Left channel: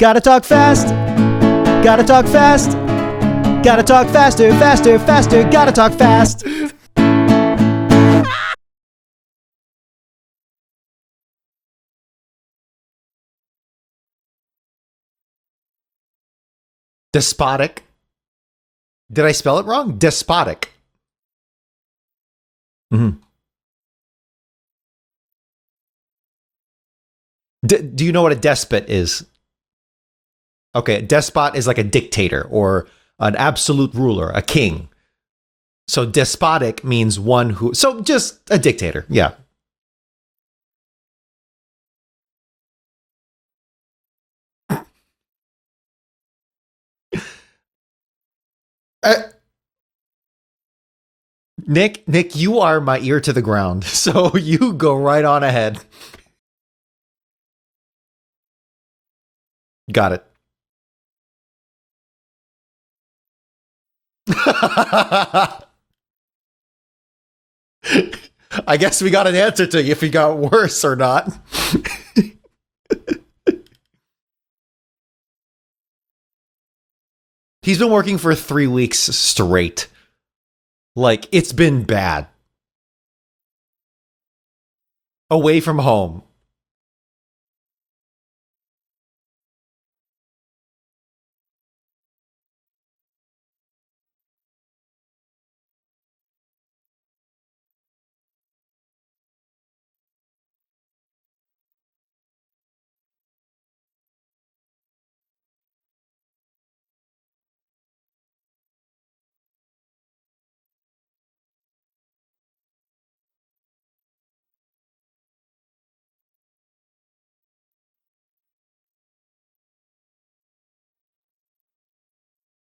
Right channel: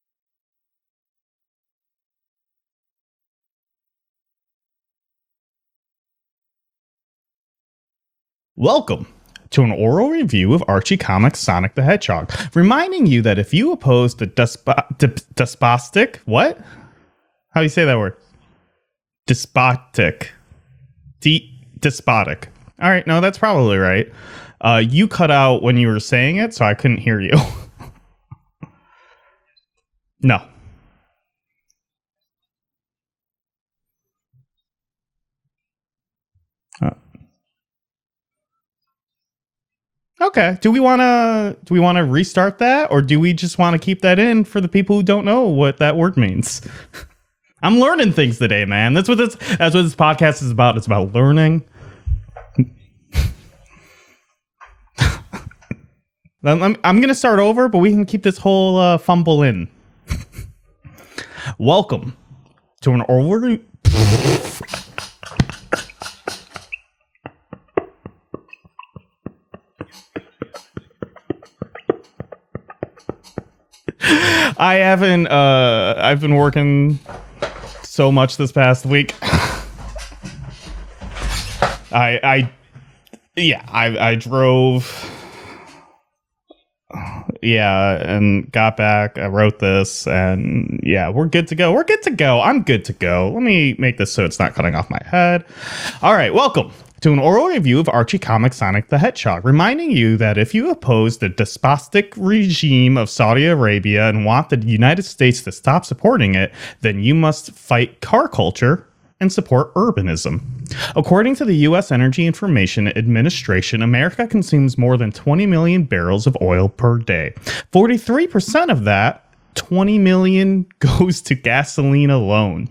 Gotta talk fast. Gotta talk fast. Gotta talk faster, faster, faster. Gotta talk fast. Welcome to an oral review of Archie Comics' Sonic the Hedgehog, reminding you that if you oppose the despotic, what? Despotic. How do you say that word? Did I spell it wrong? Despotic. Despotic. All right, Mm-hmm. no, that's probably right. You cut out when you were saying it, so I couldn't hear you. Do you know what a despot is? No. Okay, a despot is like a dictator or an absolute ruler, a king. So despotic means one who. So just a dictator. Yeah. Okay. Do we want to restart that, or do we just want to keep that in for the people who don't know what that word means? I'm learning things today, man. That's what this podcast is about. It's about learning. Nick, you are my ear to the ground. So you go right on ahead. I'm going to start over, but we can keep this whole fumble in. Got it. Welcome to an oral. I guess we got an answer to if he got worse or not. I've been working. He's been working for this 3 past weeks week. straight. Like, it's been bad. I drove Away from home. and got back. I wrote this, and we're good to go. I'm good to go. Let me make this so it's not cutting off my head. All right, welcome to an oral review of Archie Comics' Sonic the Hedgehog, reminding you that if you oppose the despotic regime of Saudi Arabia and want the United States to stop supporting it, then you must fight car culture and support urbanism. According to the U.S. Energy Information Administration, America consumes more than 20 million barrels of oil per day. 43% of that, 20 million, goes to gasoline alone.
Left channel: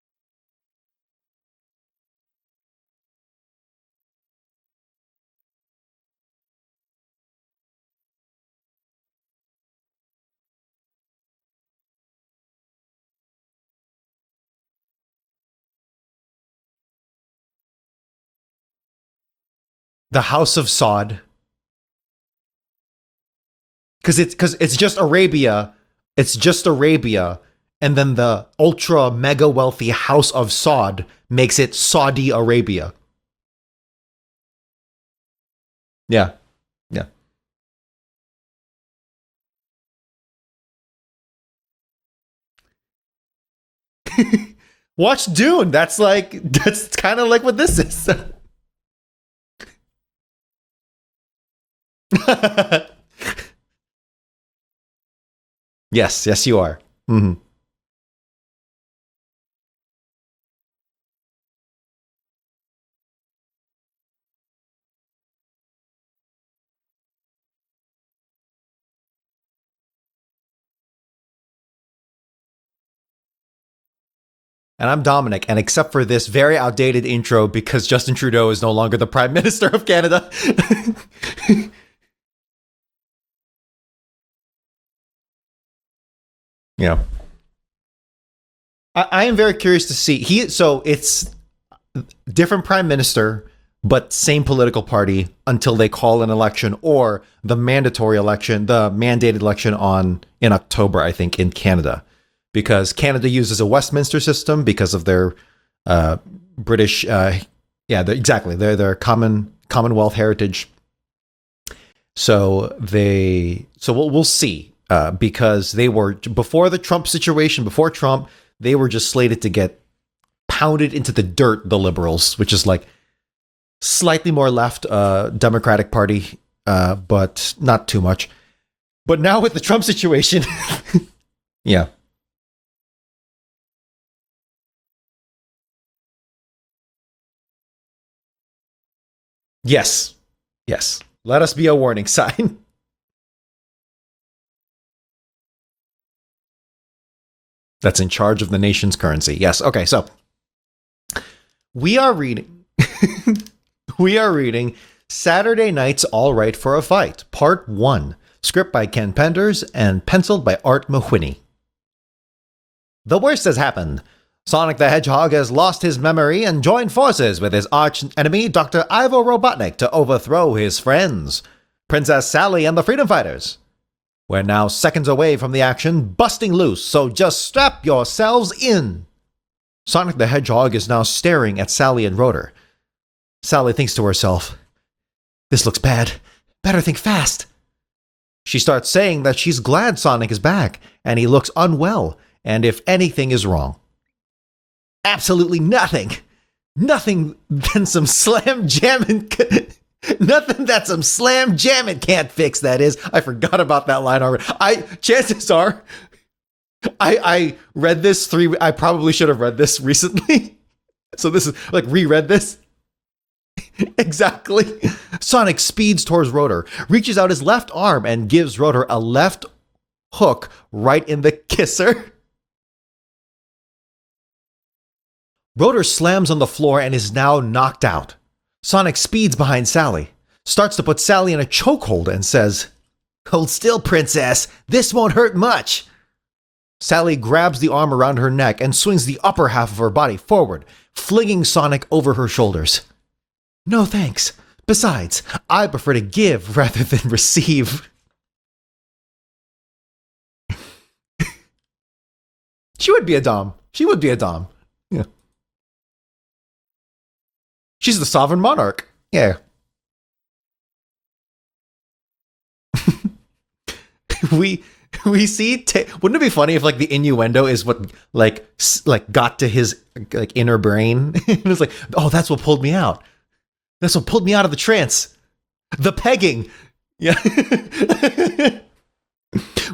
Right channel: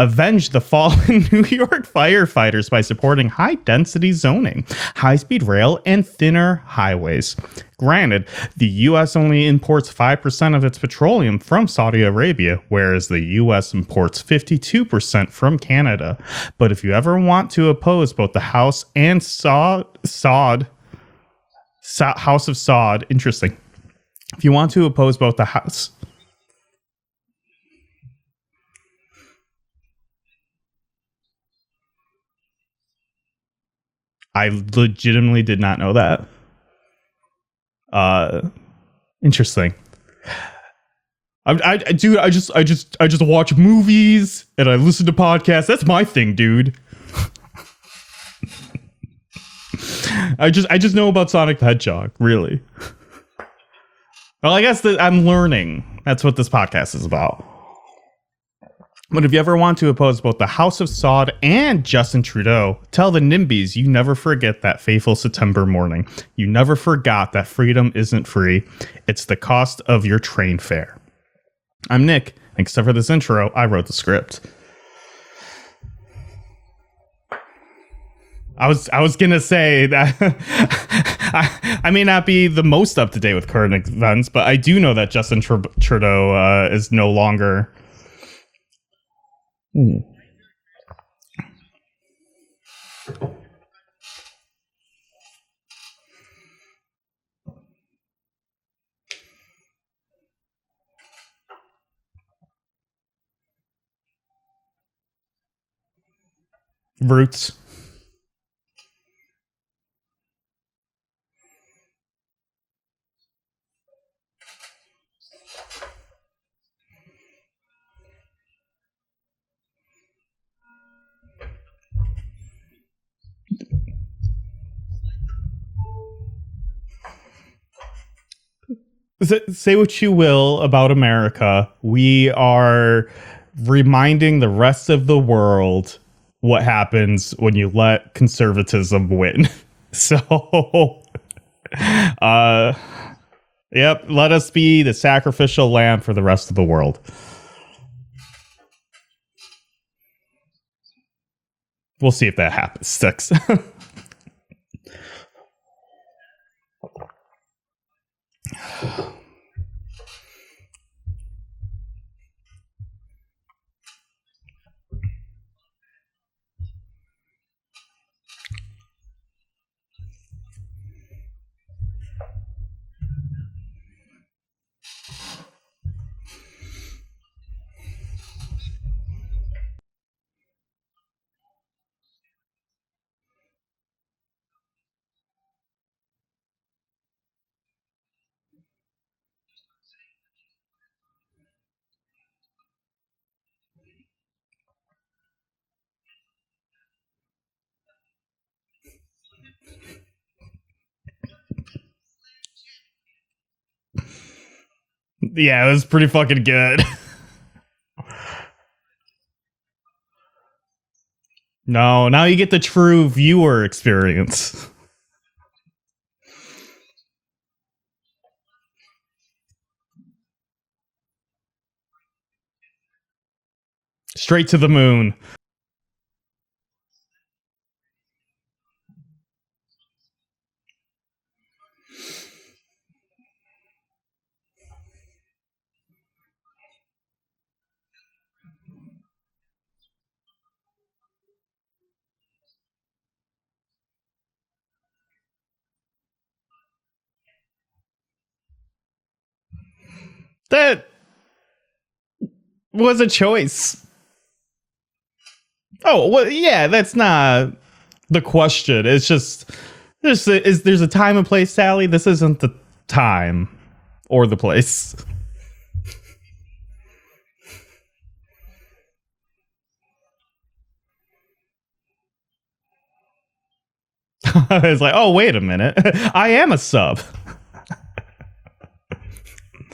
Avenge the fallen New York firefighters by supporting high-density zoning, high-speed rail, and thinner highways. Granted, the U.S. only imports 5% of its petroleum from Saudi Arabia, whereas the U.S. imports 52% from Canada. But if you ever want to oppose both the House and House of Saud, interesting. Because it's just Arabia. It's just Arabia. And then the ultra mega wealthy House of Saud makes it Saudi Arabia. I legitimately did not know that. Yeah. Interesting. I just watch movies and I listen to podcasts. Dune. That's my thing, dude. That's kind of like what this is. I just know about Sonic the Hedgehog, really. Well, I guess that I'm learning. Yes, that's what this podcast is about. But if you ever want to oppose both the House of Saud and Justin Trudeau, tell the NIMBYs you never forget that fateful September morning. You never forgot that freedom isn't free. It's the cost of your train fare. I'm Nick. Except for this intro, I wrote the script. And I'm Dominic. And except for this very outdated intro, because Justin Trudeau is no longer the Prime Minister of Canada. I may not be the most up to date with current events, but I do know that Justin Trudeau is no longer... I am very curious to see. So it's different prime minister, but same political party until they call an election, or the mandatory election, the mandated election in October, I think, in Canada, because Canada uses a Westminster system because of their British, exactly, their Commonwealth heritage. So we'll see, because they were before the Trump situation, before Trump. They were just slated to get pounded into the dirt, the Liberals, which is like slightly more left Democratic Party, but not too much. But now with the Trump situation... You will about America, we are reminding the rest of the world what happens when you let conservatism win. Yes. Yes. Let us be a warning sign. Yep. Let us be the sacrificial lamb for the rest of the world. That's in charge of the nation's currency. Yes. Okay. So we'll see if that happens. We are reading Saturday Night's All Right for a Fight, Part 1. Script by Ken Penders and penciled by Art Mahwini. The worst has happened. Sonic the Hedgehog has lost his memory and joined forces with his arch enemy, Dr. Ivo Robotnik, to overthrow his friends, Princess Sally and the Freedom Fighters. We're now seconds away from the action busting loose, so just strap yourselves in. Sonic the Hedgehog is now staring at Sally and Rotor. Sally thinks to herself, this looks bad. Better think fast. She starts saying that she's glad Sonic is back, and he looks unwell, and if anything is wrong. Absolutely nothing. Nothing than some slam jamming. Nothing that some slam jamming can't fix, that is. I forgot about that line already. Chances are, it was pretty fucking good. I read this I probably should have read this recently. So this is like now you get the true viewer experience. Exactly. Sonic speeds towards Rotor, reaches out his left arm and gives Rotor a left hook right in the kisser. Straight to the moon. Rotor slams on the floor and is now knocked out. Sonic speeds behind Sally, starts to put Sally in a chokehold and says, hold still, princess. This won't hurt much. Sally grabs the arm around her neck and swings the upper half of her body forward, flinging Sonic over her shoulders. No thanks. Besides, I prefer to give rather than receive. That was a choice. She would be a dom. Yeah. Oh, well, yeah, that's not She's the sovereign question. monarch. It's just, there's a time and place, Sally. This isn't the time or the place. We see. Wouldn't it be funny if like the innuendo is what like got to his like inner brain? And it's like, oh, that's what pulled me out. That's what pulled me out of the trance. Like, oh, wait a minute. I am a sub. Yeah.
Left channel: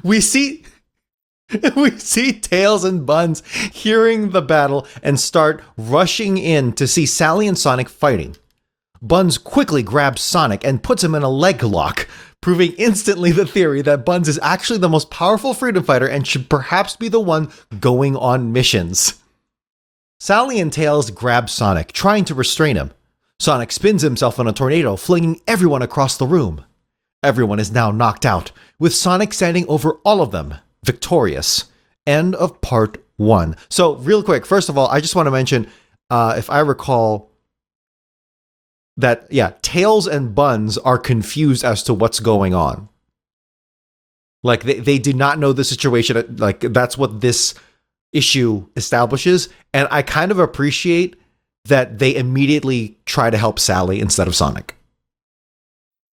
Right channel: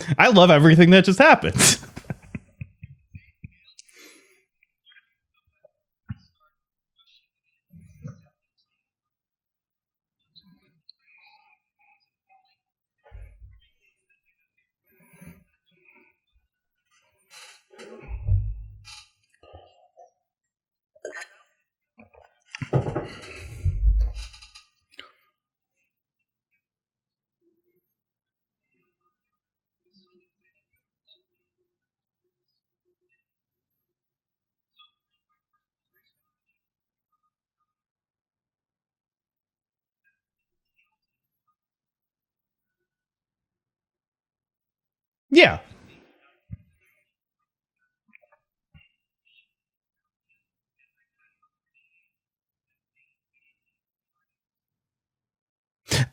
I love everything that just happened. We see Tails and Buns hearing the battle and start rushing in to see Sally and Sonic fighting. Buns quickly grabs Sonic and puts him in a leg lock, proving instantly the theory that Buns is actually the most powerful freedom fighter and should perhaps be the one going on missions. Sally and Tails grab Sonic, trying to restrain him. Sonic spins himself in a tornado, flinging everyone across the room. Everyone is now knocked out, with Sonic standing over all of them, victorious. End of part 1. So, real quick, first of all, I just want to mention, if I recall, that, yeah, Tails and Buns are confused as to what's going on. Like, they do not know the situation. Like, that's what this issue establishes. And I kind of appreciate that they immediately try to help Sally instead of Sonic.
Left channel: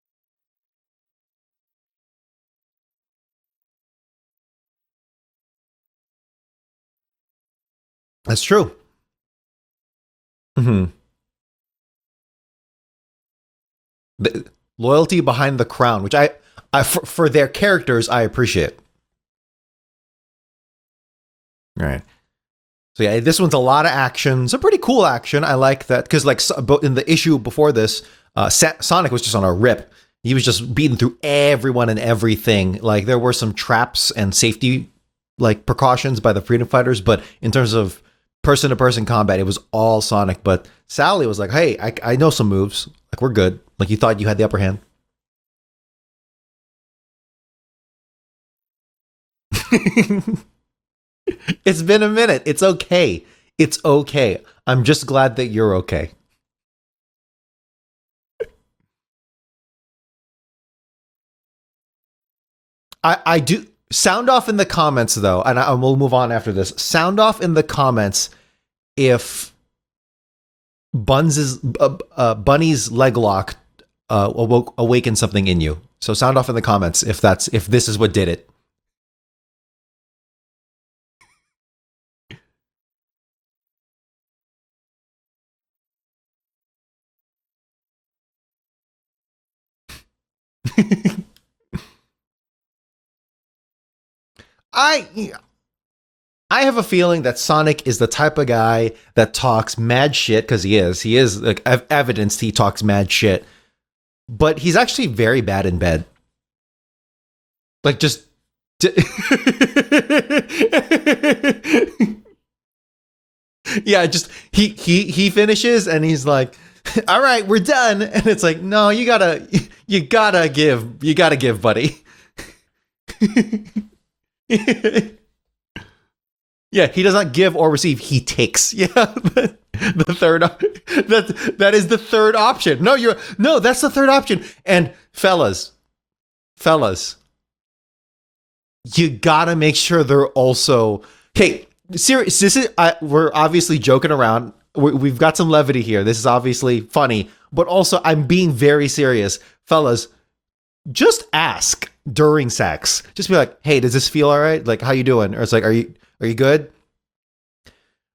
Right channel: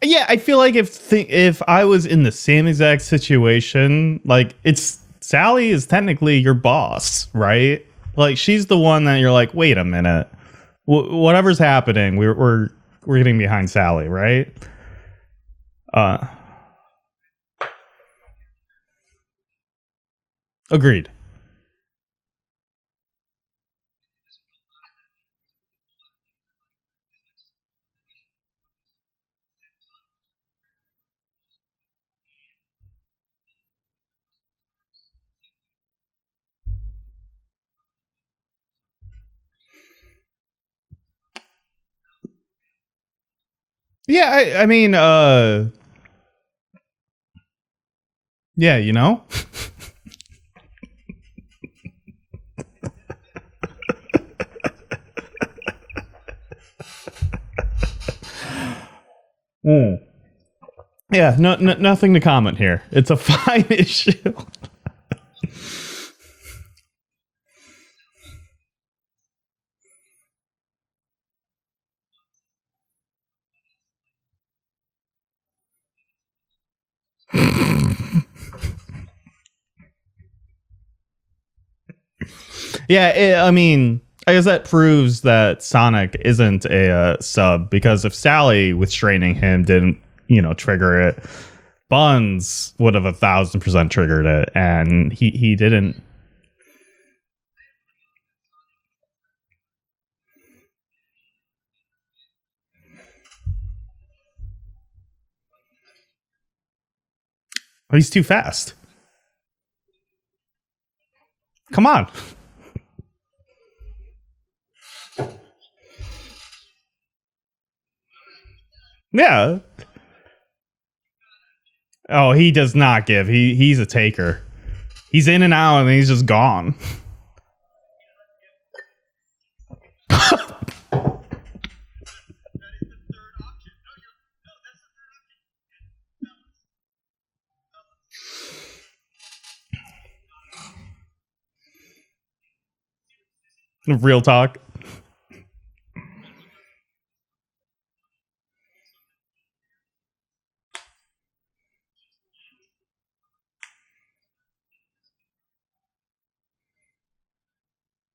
Yeah, I feel like if I was in the same exact situation, like Sally is technically your boss, right? Like That's she's true. the one that you're like, wait a minute, whatever's happening, we're getting behind Sally, right? Loyalty behind the crown, which I for their characters, I appreciate. Agreed. All right. So yeah, this one's a lot of action. It's a pretty cool action. I like that because like in the issue before this, Sonic was just on a rip. He was just beating through everyone and everything. Like there were some traps and safety like precautions by the freedom fighters, but in terms of person-to-person combat, it was all Sonic. But Sally was like, "Hey, I know some moves. Like we're good." Like you thought you had the upper hand. I mean, yeah, you know. It's been a minute. It's okay. It's okay. I'm just glad that you're okay. Yeah, nothing to comment here. It's I do sound off in the comments though, and we'll move on after this. Sound off in the comments if Bunny's leg lock awakened something in you. So sound off in the comments if this is what did it. Yeah, I mean, I guess that proves that Sonic isn't a sub, because if Sally restraining him didn't, trigger it, Buns would have 1,000% triggered it, and he didn't. I have a feeling that Sonic is the type of guy that talks mad shit, because he is like evidenced he talks mad shit, but he's actually very bad in bed. Like he's just too fast. Come on. Yeah, just he finishes and he's like, "All right, we're done." And it's like, "No, you gotta give, buddy." Oh, he does not give. He's a taker. He's in and out, and he's just gone. Yeah, he does not give or receive. He takes. Yeah, the third. That is the third option. No, that's the third option. And fellas, you gotta make sure they're also serious. We're obviously joking Real around. talk. We've got some levity here. This is obviously funny, but also I'm being very serious, fellas. Just ask during sex. Just be like, "Hey, does this feel all right? Like, how you doing?" Or it's like, "Are you good?"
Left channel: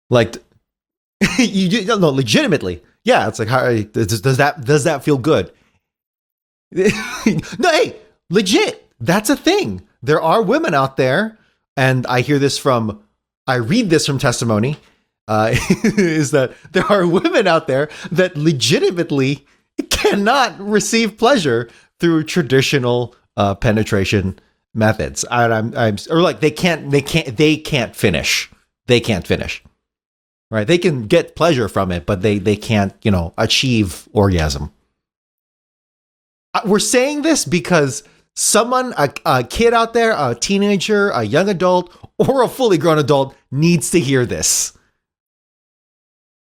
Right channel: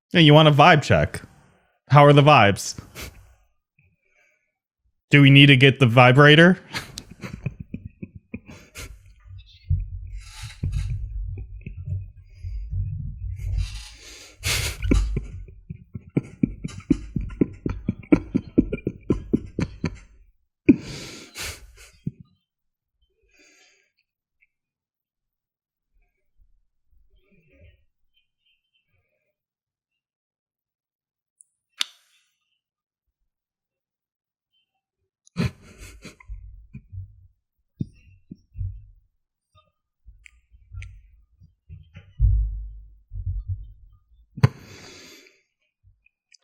Like, you want a vibe check? How are the vibes? legitimately? Yeah, it's like, how does that feel Do we good? need to get the vibrator? No, hey, legit. That's a thing. There are women out there, and I read this from testimony, is that there are women out there that legitimately cannot receive pleasure through traditional penetration methods. Or like they can't finish. They can't finish. Right? They can get pleasure from it, but they can't, achieve orgasm. We're saying this because someone, a kid out there, a teenager, a young adult, or a fully grown adult needs to hear this.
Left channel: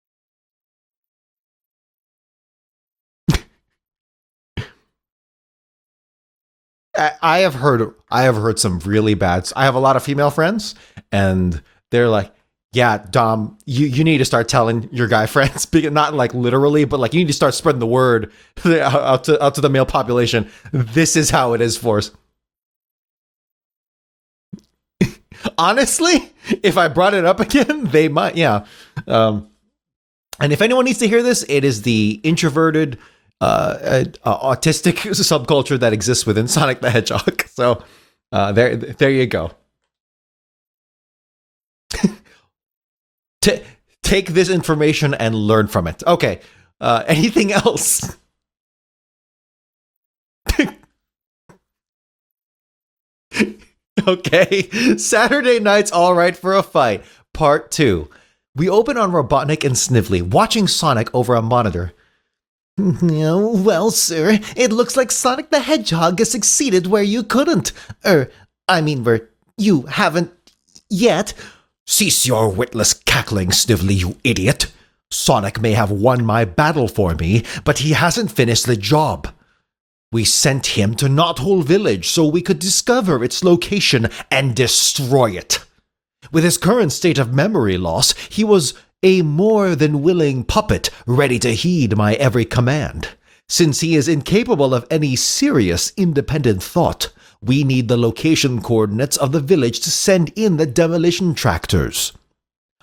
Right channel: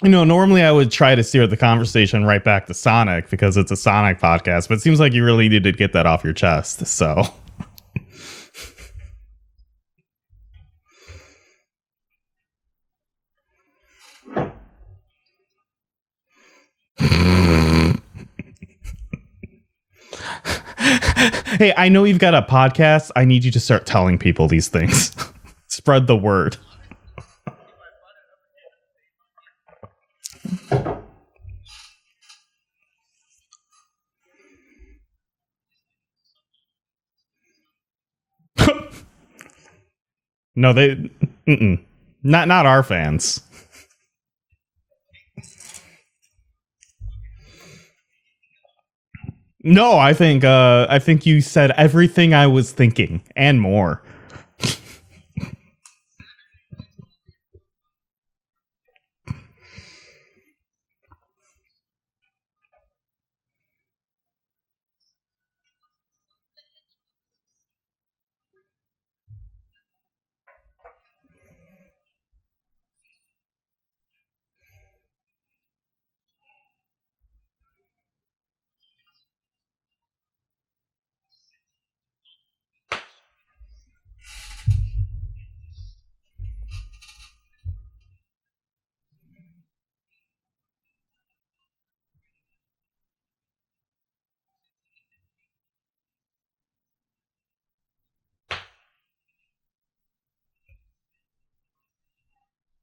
Normally I would try to steer the conversation right back to Sonic because it's a Sonic podcast, but it seems like you really need to get that off your chest. So I have heard some really bad. I have a lot of female friends, and they're like, "Yeah, Dom, you need to start telling your guy friends, not like literally, but like you need to start spreading the word out to the male population. This is how it is. Hey, I know you've got a podcast. I need you to start telling people these things. Honestly, spread the word. If I brought it up again, they might. Yeah. And if anyone needs to hear this, it is the introverted, autistic subculture that exists within Sonic the Hedgehog. So there you go. No, not our fans. Take this information and learn from it. Okay. Anything else? No, I think you said everything I was thinking and more. Okay. Saturday night's all right for a fight. Part 2. We open on Robotnik and Snively watching Sonic over a monitor. Well, sir, it looks like Sonic the Hedgehog has succeeded where you couldn't. Where you haven't yet. Cease your witless cackling, Snively, you idiot. Sonic may have won my battle for me, but he hasn't finished the job. We sent him to Knothole Village so we could discover its location and destroy it. With his current state of memory loss, he was a more than willing puppet ready to heed my every command. Since he is incapable of any serious independent thought, we need the location coordinates of the village to send in the demolition tractors.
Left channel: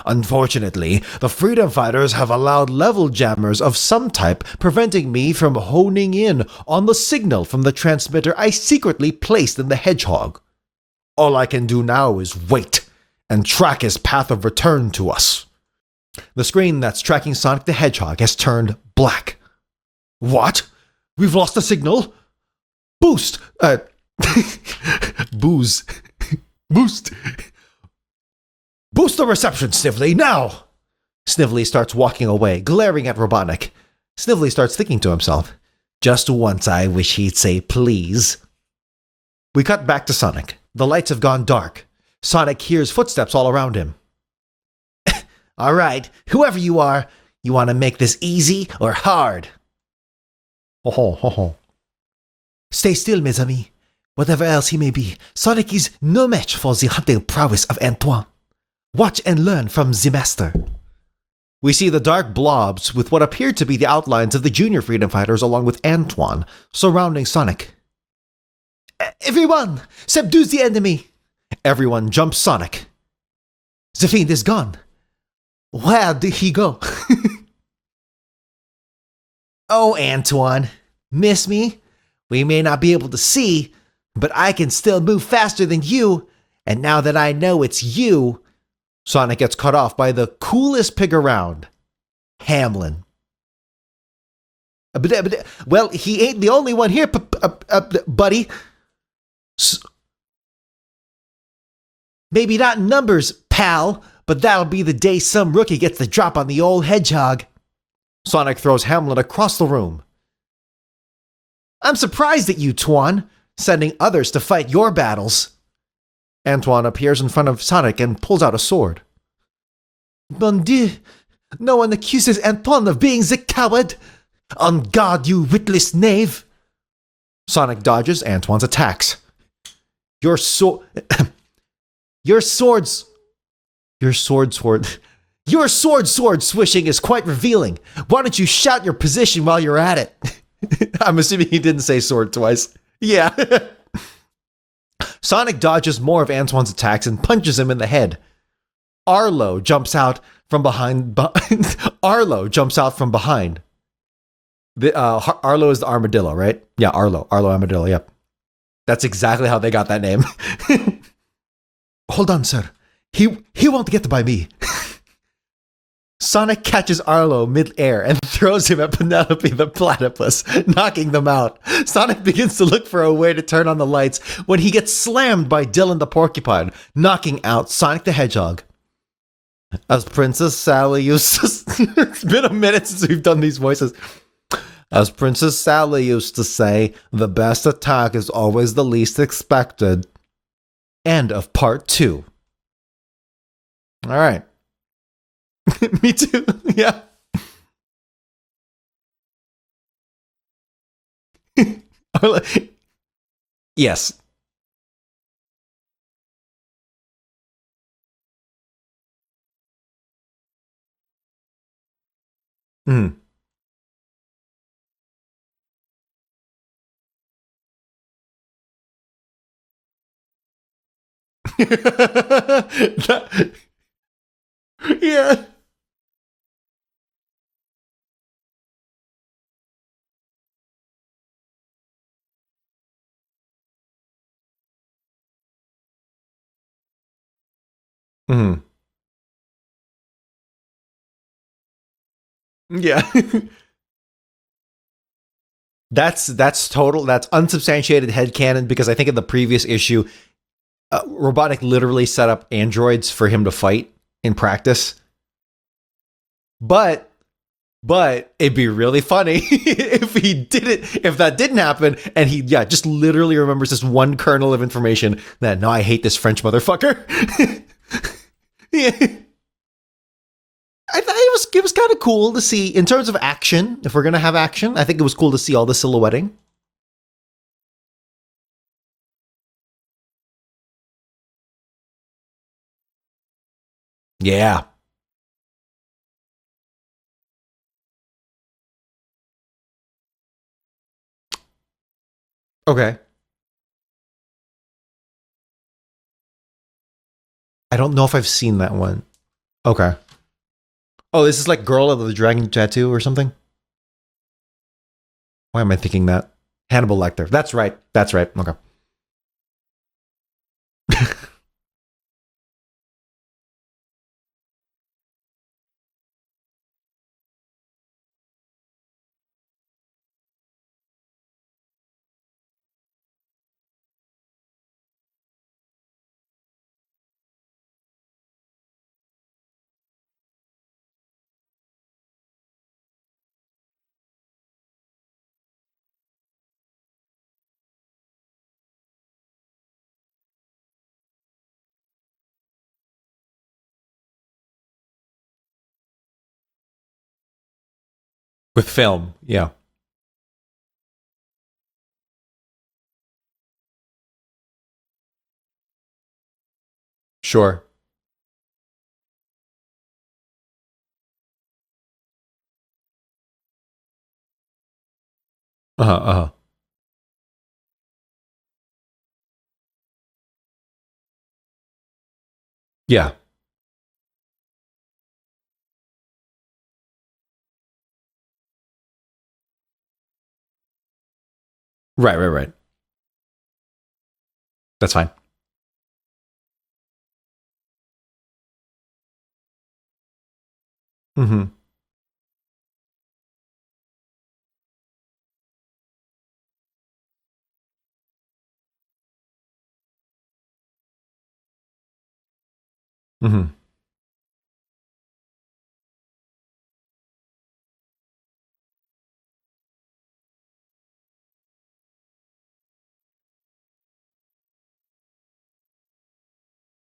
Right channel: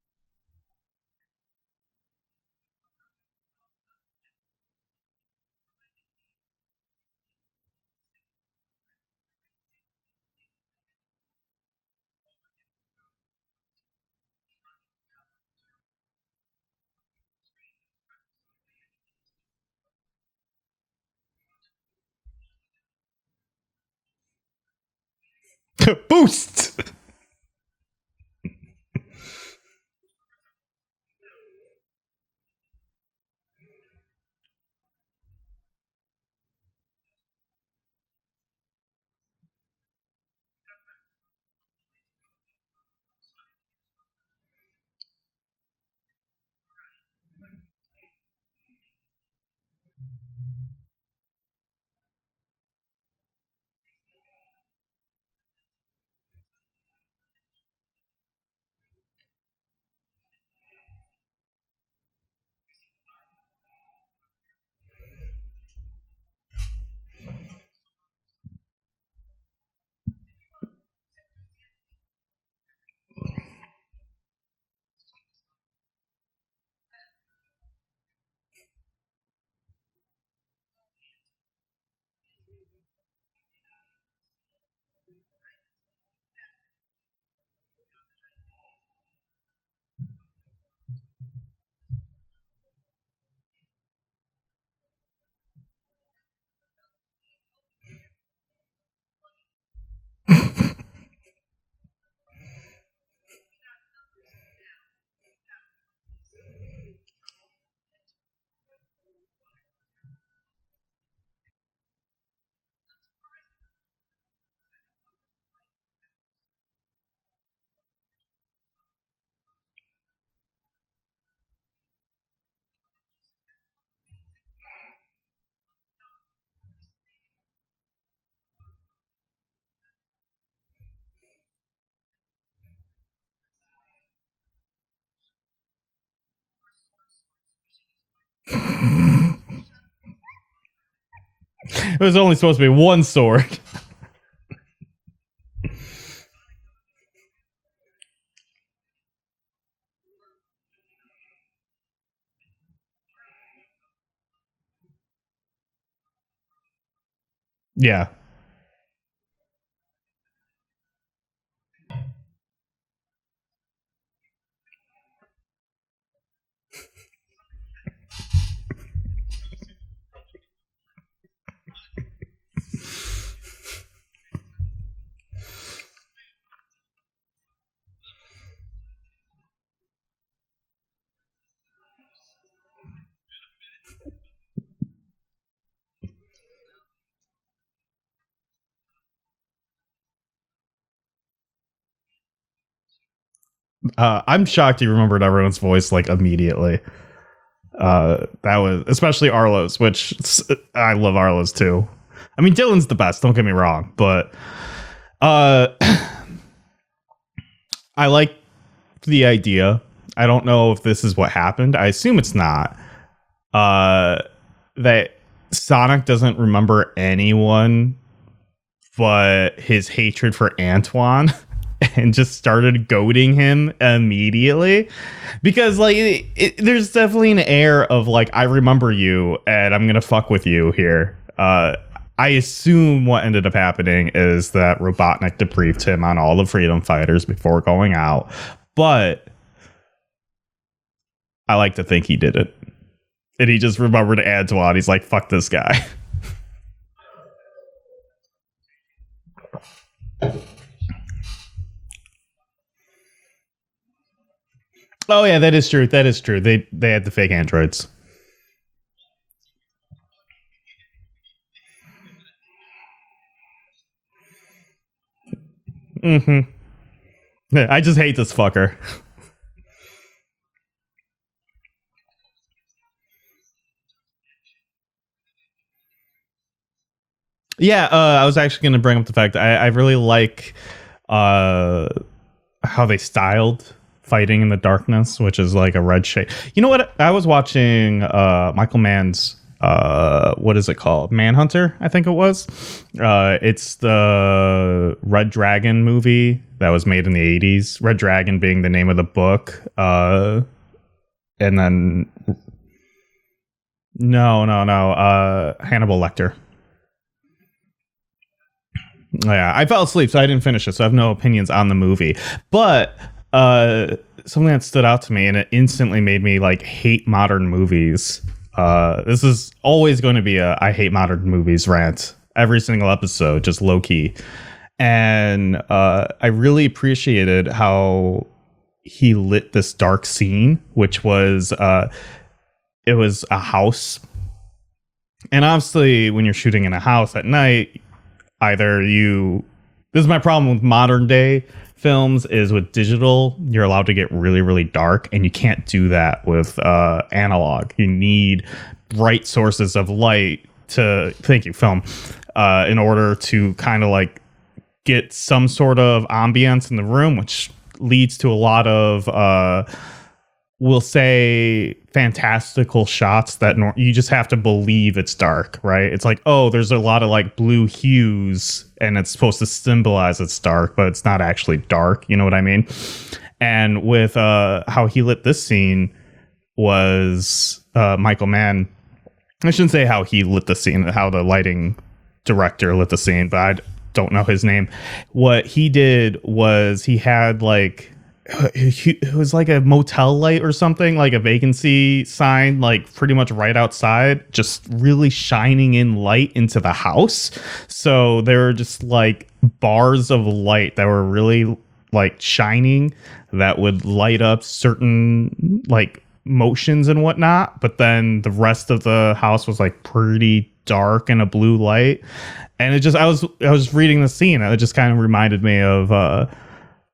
Unfortunately, the freedom fighters have allowed level jammers of some type, preventing me from honing in on the signal from the transmitter I secretly placed in the Hedgehog. All I can do now is wait and track his path of return to us. The screen that's tracking Sonic the Hedgehog has turned black. What? We've lost the signal? Boost! Boost. Boost the reception, Snively, now! Snively starts walking away, glaring at Robotnik. Snively starts thinking to himself, just once I wish he'd say please. We cut back to Sonic. The lights have gone dark. Sonic hears footsteps all around him. All right, whoever you are, you want to make this easy or hard? Stay still, mes amis. Whatever else he may be, Sonic is no match for the hunting prowess of Antoine. Watch and learn from the master. We see the dark blobs with what appear to be the outlines of the junior freedom fighters along with Antoine surrounding Sonic. Everyone, subdue the enemy! Everyone jumps Sonic. The fiend is gone. Where did he go? Oh, Antoine, miss me? We may not be able to see, but I can still move faster than you, and now that I know it's you... Sonic gets cut off by the coolest pig around, Hamlin. Well, he ain't the only one here, buddy. Maybe not in numbers, pal, but that'll be the day some rookie gets the drop on the old Hedgehog. Sonic throws Hamlin across the room. I'm surprised at you, Twan, sending others to fight your battles. Antoine appears in front of Sonic and pulls out a sword. Mon Dieu, no one accuses Antoine of being the coward. On guard, you witless knave. Sonic dodges Antoine's attacks. Your sword, your swords, your sword swishing is quite revealing. Why don't you shout your position while you're at it? I'm assuming he didn't say There's sword only twice. supposed to be one sword. Sonic dodges more of Antoine's attacks and punches him in the head. Arlo jumps out from behind. Arlo jumps out from behind. Arlo is the armadillo, right? Yeah, Arlo armadillo. Yeah. That's exactly how they got that name. Hold on, sir. He won't get by me. Sonic catches Arlo mid-air and throws him at Penelope the platypus, knocking them out. Sonic begins to look for a way to turn on the lights when he gets slammed by Dylan the porcupine, knocking out Sonic the Hedgehog. As Princess Sally used to... It's been a minute since we've done these voices. As Princess Sally used to say, the best attack is always the least expected. End of part 2. I'm shocked you remembered everyone's voice like immediately. Yeah. That was especially Arlo's, which I love Arlo's too. I mean, Dylan's the best. Don't get me wrong. Yes, but I like the idea. I don't know if this is what happened. I assume it's not. That Sonic doesn't remember anyone but his hatred for Antoine and just started goading him immediately. Yeah. Because like there's definitely an air of like, I remember you and I'm going to fuck with you here. I assume what ended up happening is that Robotnik debriefed him on all the freedom fighters before going out. But I like to think he did it. Yeah. And he just remembered Antoine. He's like, fuck this guy. That's unsubstantiated headcanon, because I think in the previous issue, Robotnik literally set up androids for him to fight in practice. Oh, yeah, that is true. That is true. They had the fake androids. But it'd be really funny if that didn't happen and he just literally remembers this one kernel of information that, no, I hate this French motherfucker. I just hate this fucker. Yeah. I thought it was kind of cool to see in terms of action. If we're gonna have action, I think it was cool to see all the silhouetting. Yeah, I was actually going to bring up the fact I really like how they styled fighting in the darkness, which is like a red shade. You know what? I was watching Michael Mann's what is it called? Manhunter, I think it was. Okay. It's the Red Dragon movie that was made in the 80s. I don't Red know Dragon if I've seen being that the name one. of the book. Okay. This is like Girl of the Dragon Tattoo or something? No. Why am I Hannibal thinking Lecter. that? Hannibal Lecter. That's right. Okay. Yeah, I fell asleep, so I didn't finish it, so I have no opinions on the movie. But something that stood out to me, and it instantly made me like hate modern movies. This is always going to be a I hate modern movies rant. Every single episode, just low key. And I really appreciated how he lit this dark scene, which was it was a house. And obviously when you're shooting in a house at night, this is my problem with modern day films, is with digital, you're allowed to get really, really dark, and you can't do that with analog. You need with film bright sources of light film in order to kind of like get some sort of ambience in the room, which leads to a lot of we'll say fantastical shots that you just have to believe it's dark, right? It's like, oh, there's a lot of like blue hues and it's supposed to symbolize it's dark, but it's not actually dark. You know what I mean? Yeah. And with how he lit this scene was Michael Mann. I shouldn't say how he lit the scene, how the lighting director lit the scene, but I don't know his name. That's fine. What he did was he had like, it was like a motel light or something, like a vacancy sign, like pretty much right outside, just really shining in light into the house. So there were just like bars of light that were really like shining that would light up certain like motions and whatnot. But then the rest of the house was like pretty dark and a blue light. And it just, I was reading the scene, and it just kind of reminded me of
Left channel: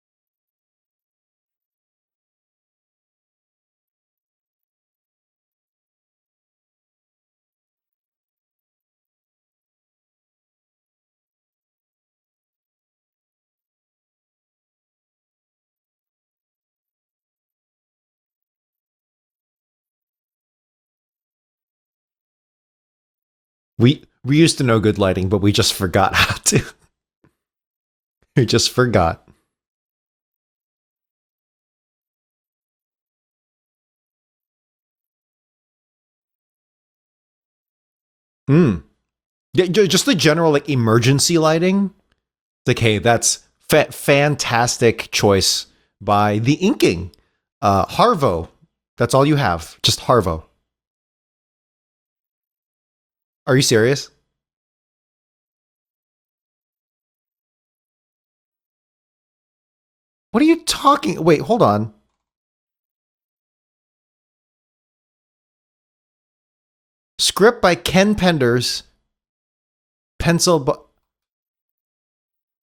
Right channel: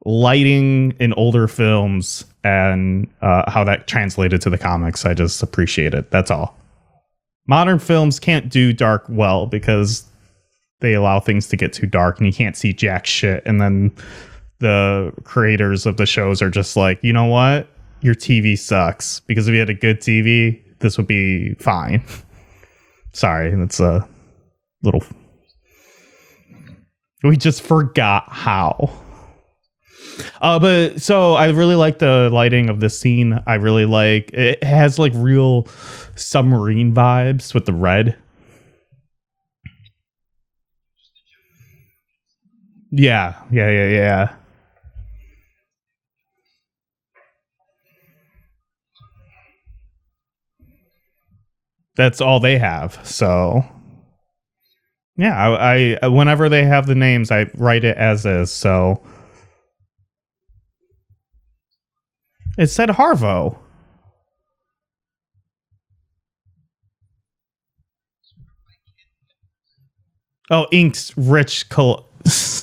lighting in older films and how that translated to the comics. I just appreciate it. That's all. Modern films can't do dark well because they allow things to get too dark and you can't see jack shit. And then the creators of the shows are just like, you know what? Your TV sucks, because if you had a good TV, this would be fine. Sorry, that's we used to know good lighting, but we just forgot how to. We just forgot. But so I really like the lighting of this scene. I really like it. Has like real submarine vibes with the red. Yeah, just the general like emergency lighting. Like, hey, that's fantastic choice by the inking. Harvo. That's all you have. Just Harvo. That's all they have. So are you serious? Yeah, I whenever they have the names, I write it as is. So what are you talking? Wait, hold on. It said Harvo. Script by Ken Penders. Pencil. Inks Rich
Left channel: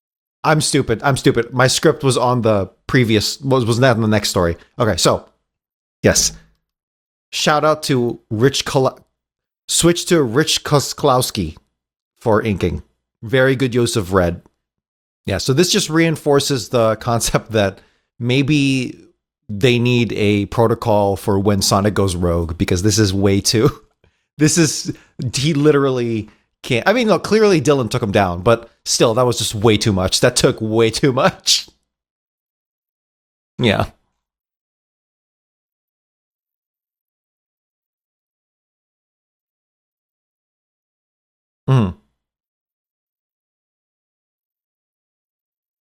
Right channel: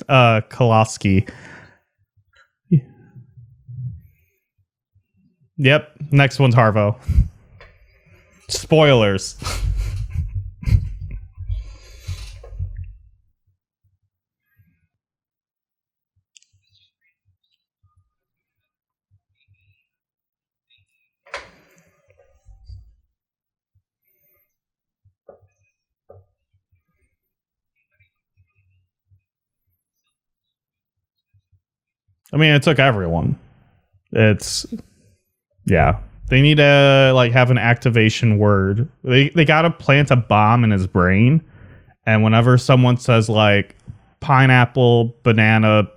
I'm stupid. My script was on the previous. Was that in the next story? Okay, so. Yep. Yes. Next one's Harvo. Shout out to Rich. Spoilers. Switch to Rich Kosklowski for inking. Very good use of red. Yeah. So this just reinforces the concept that maybe they need a protocol for when Sonic goes rogue, because this is way too. He literally can't. I mean, no, clearly Dylan took him down, but still, that was just way too much. That took way too much. I mean, it took everyone. Yeah. Yeah. They need to like have an activation word. They got to plant a bomb in his brain. And whenever someone says like pineapple, banana,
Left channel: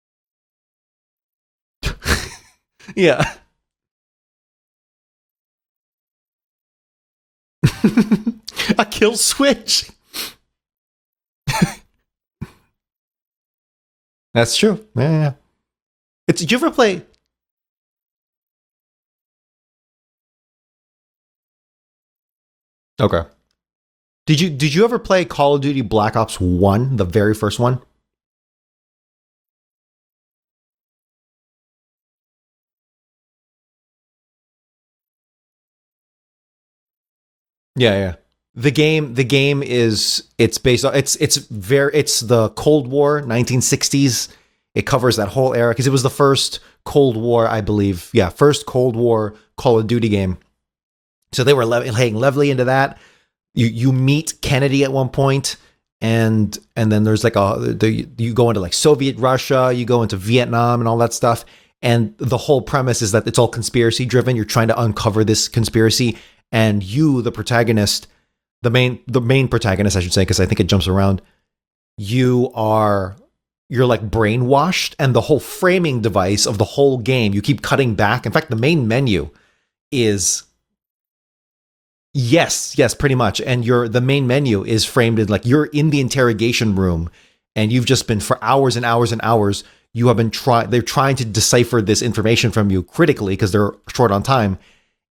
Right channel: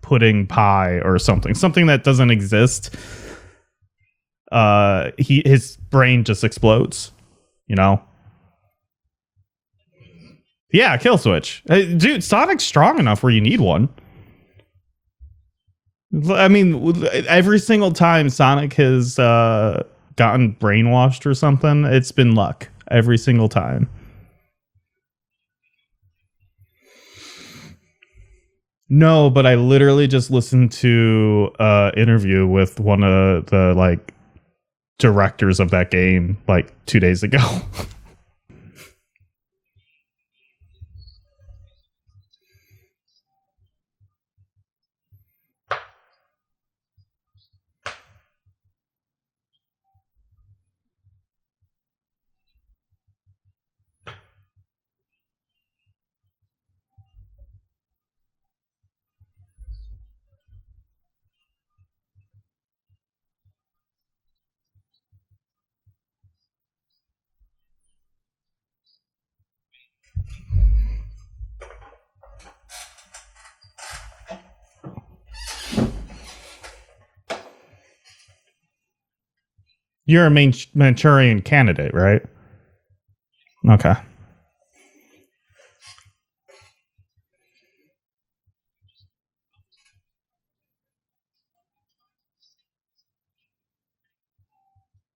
pudding pie or something that doesn't exist. Yeah. His brain just explodes, you know? A kill switch. Yeah, kill switch. Dude, Sonic's strong enough where you need one. That's true. Yeah. I mean, every single time Sonic has gotten brainwashed or something, it's been luck every single time. Did you ever play Call of Duty Black Ops 1, the very first one? No, but I literally just listened to an interview with one of the like directors of that game like 2 days ago. Yeah. The game is based on it's the Cold War 1960s. It covers that whole era because it was the first Cold War, I believe. Yeah, first Cold War Call of Duty game. So they were laying levelly into that. You meet Kennedy at one point, and then there's like you go into like Soviet Russia, you go into Vietnam and all that stuff. And the whole premise is that it's all conspiracy driven. You're trying to uncover this conspiracy, and you, the protagonist, the main protagonist, I should say, because I think it jumps around. You're like brainwashed, and the whole framing device of the whole game, you keep cutting back. In fact, the main menu is... You're a Manchurian candidate, right? Yes, pretty much. And the main menu is framed in like you're in the interrogation room, and you've just been for hours and hours and hours. You have been they're trying to decipher this information from you critically because they're short on time.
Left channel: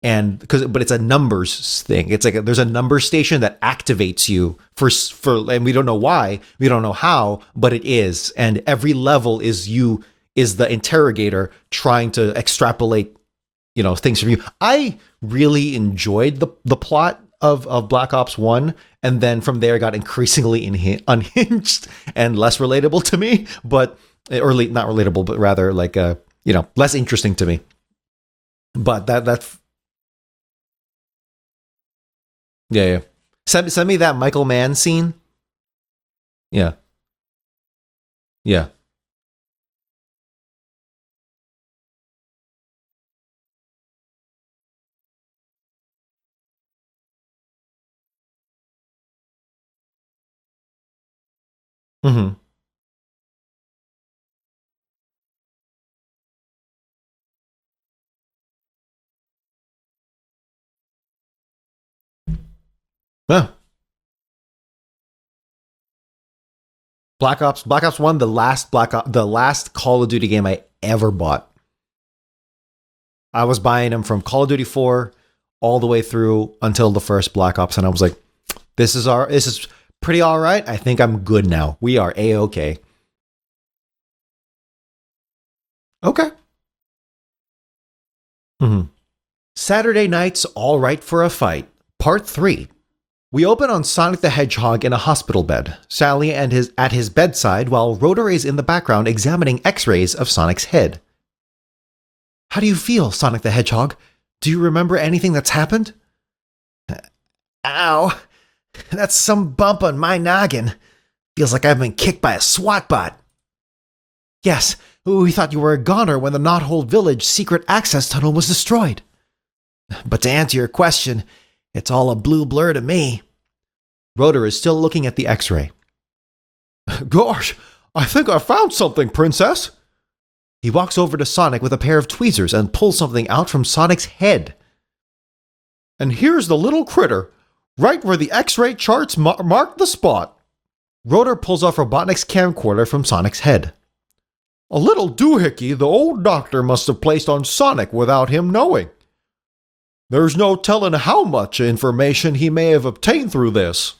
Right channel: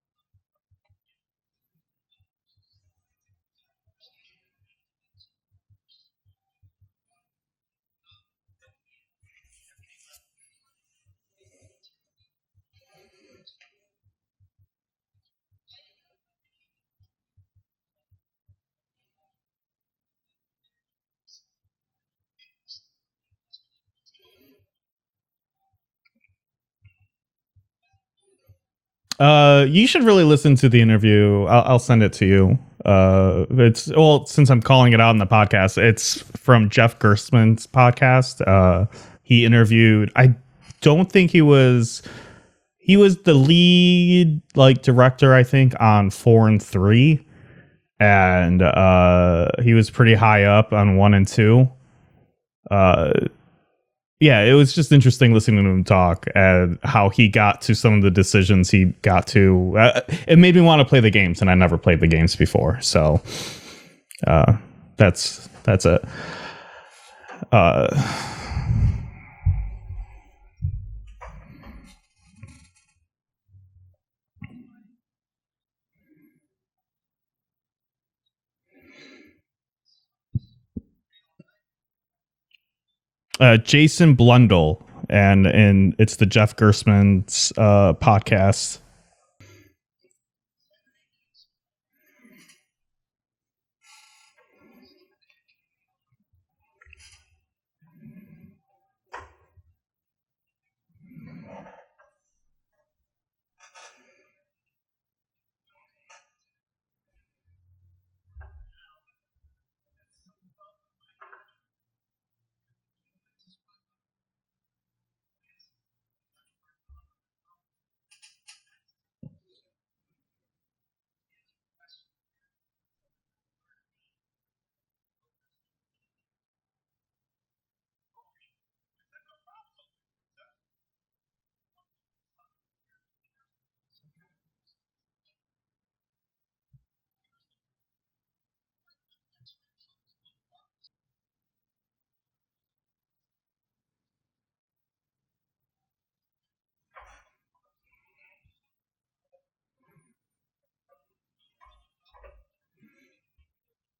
But it's a numbers thing. It's like there's a number station that activates you for, and we don't know why, we don't know how, but it is. And every level is the interrogator trying to extrapolate, things from you. I really enjoyed the plot of Black Ops 1, and then from there it got increasingly unhinged and less relatable to me, not relatable, but rather like less interesting to me. But you should really listen to the interview. I'll send it to you. Yeah. Send me that Michael Mann. I'm calling scene. it out on the podcast. It's from Jeff Gerstmann's podcast. He interviewed. I don't think he was the lead director, I think, on 4 and 3, and he was pretty high up on 1 and 2. Yeah, it was just interesting listening to him talk and how he got to some of the decisions he got to. It made me want to play the games, and I never played the games before. So that's it. Black Ops 1, the last Call of Duty game I ever bought. I was buying them from Call of Duty 4 all the way through until the first Black Ops, and I was like, this is pretty all right. I think I'm good now. We are A-okay. Jason Blundell, and it's the Jeff Gerstmann's podcast. Saturday Night's All Right for a Fight, Part 3, We open on Sonic the Hedgehog in a hospital bed, Sally at his bedside, while Rotor is in the background examining x-rays of Sonic's head. How do you feel, Sonic the Hedgehog? Do you remember anything that's happened? Ow. That's some bump on my noggin. Feels like I've been kicked by a SWAT bot. Yes, we thought you were a goner when the Knothole Village secret access tunnel was destroyed. But to answer your question, it's all a blue blur to me. Rotor is still looking at the x-ray. Gosh, I think I found something, Princess. He walks over to Sonic with a pair of tweezers and pulls something out from Sonic's head. And here's the little critter, right where the x-ray charts mark the spot. Rotor pulls off Robotnik's camcorder from Sonic's head. A little doohickey the old doctor must have placed on Sonic without him knowing. There's no telling how much information he may have obtained through this.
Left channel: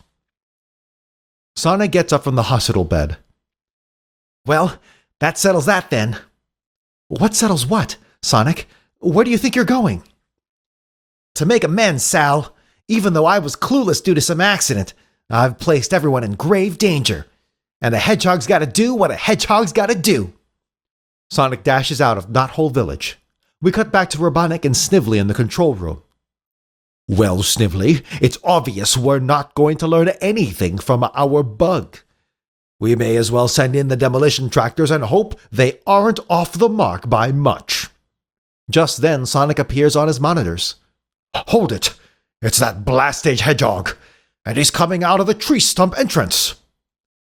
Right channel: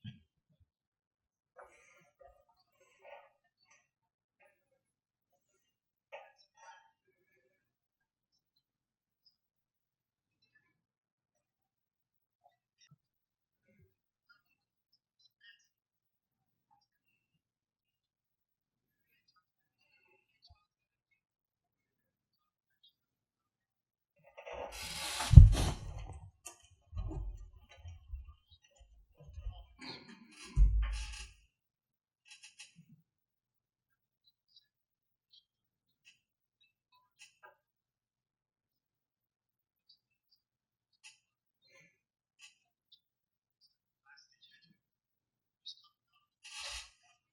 Sonic gets up from the hospital bed. Well, that settles that then. What settles what, Sonic? Where do you think you're going? To make amends, Sal. Even though I was clueless due to some accident, I've placed everyone in grave danger. And a hedgehog's gotta do what a hedgehog's gotta do. Sonic dashes out of Knothole Village. We cut back to Robotnik and Snively in the control room. Well, Snively, it's obvious we're not going to learn anything from our bug. We may as well send in the demolition tractors and hope they aren't off the mark by much. Just then, Sonic appears on his monitors. Hold it! It's that blast-stage hedgehog, and he's coming out of the tree stump entrance.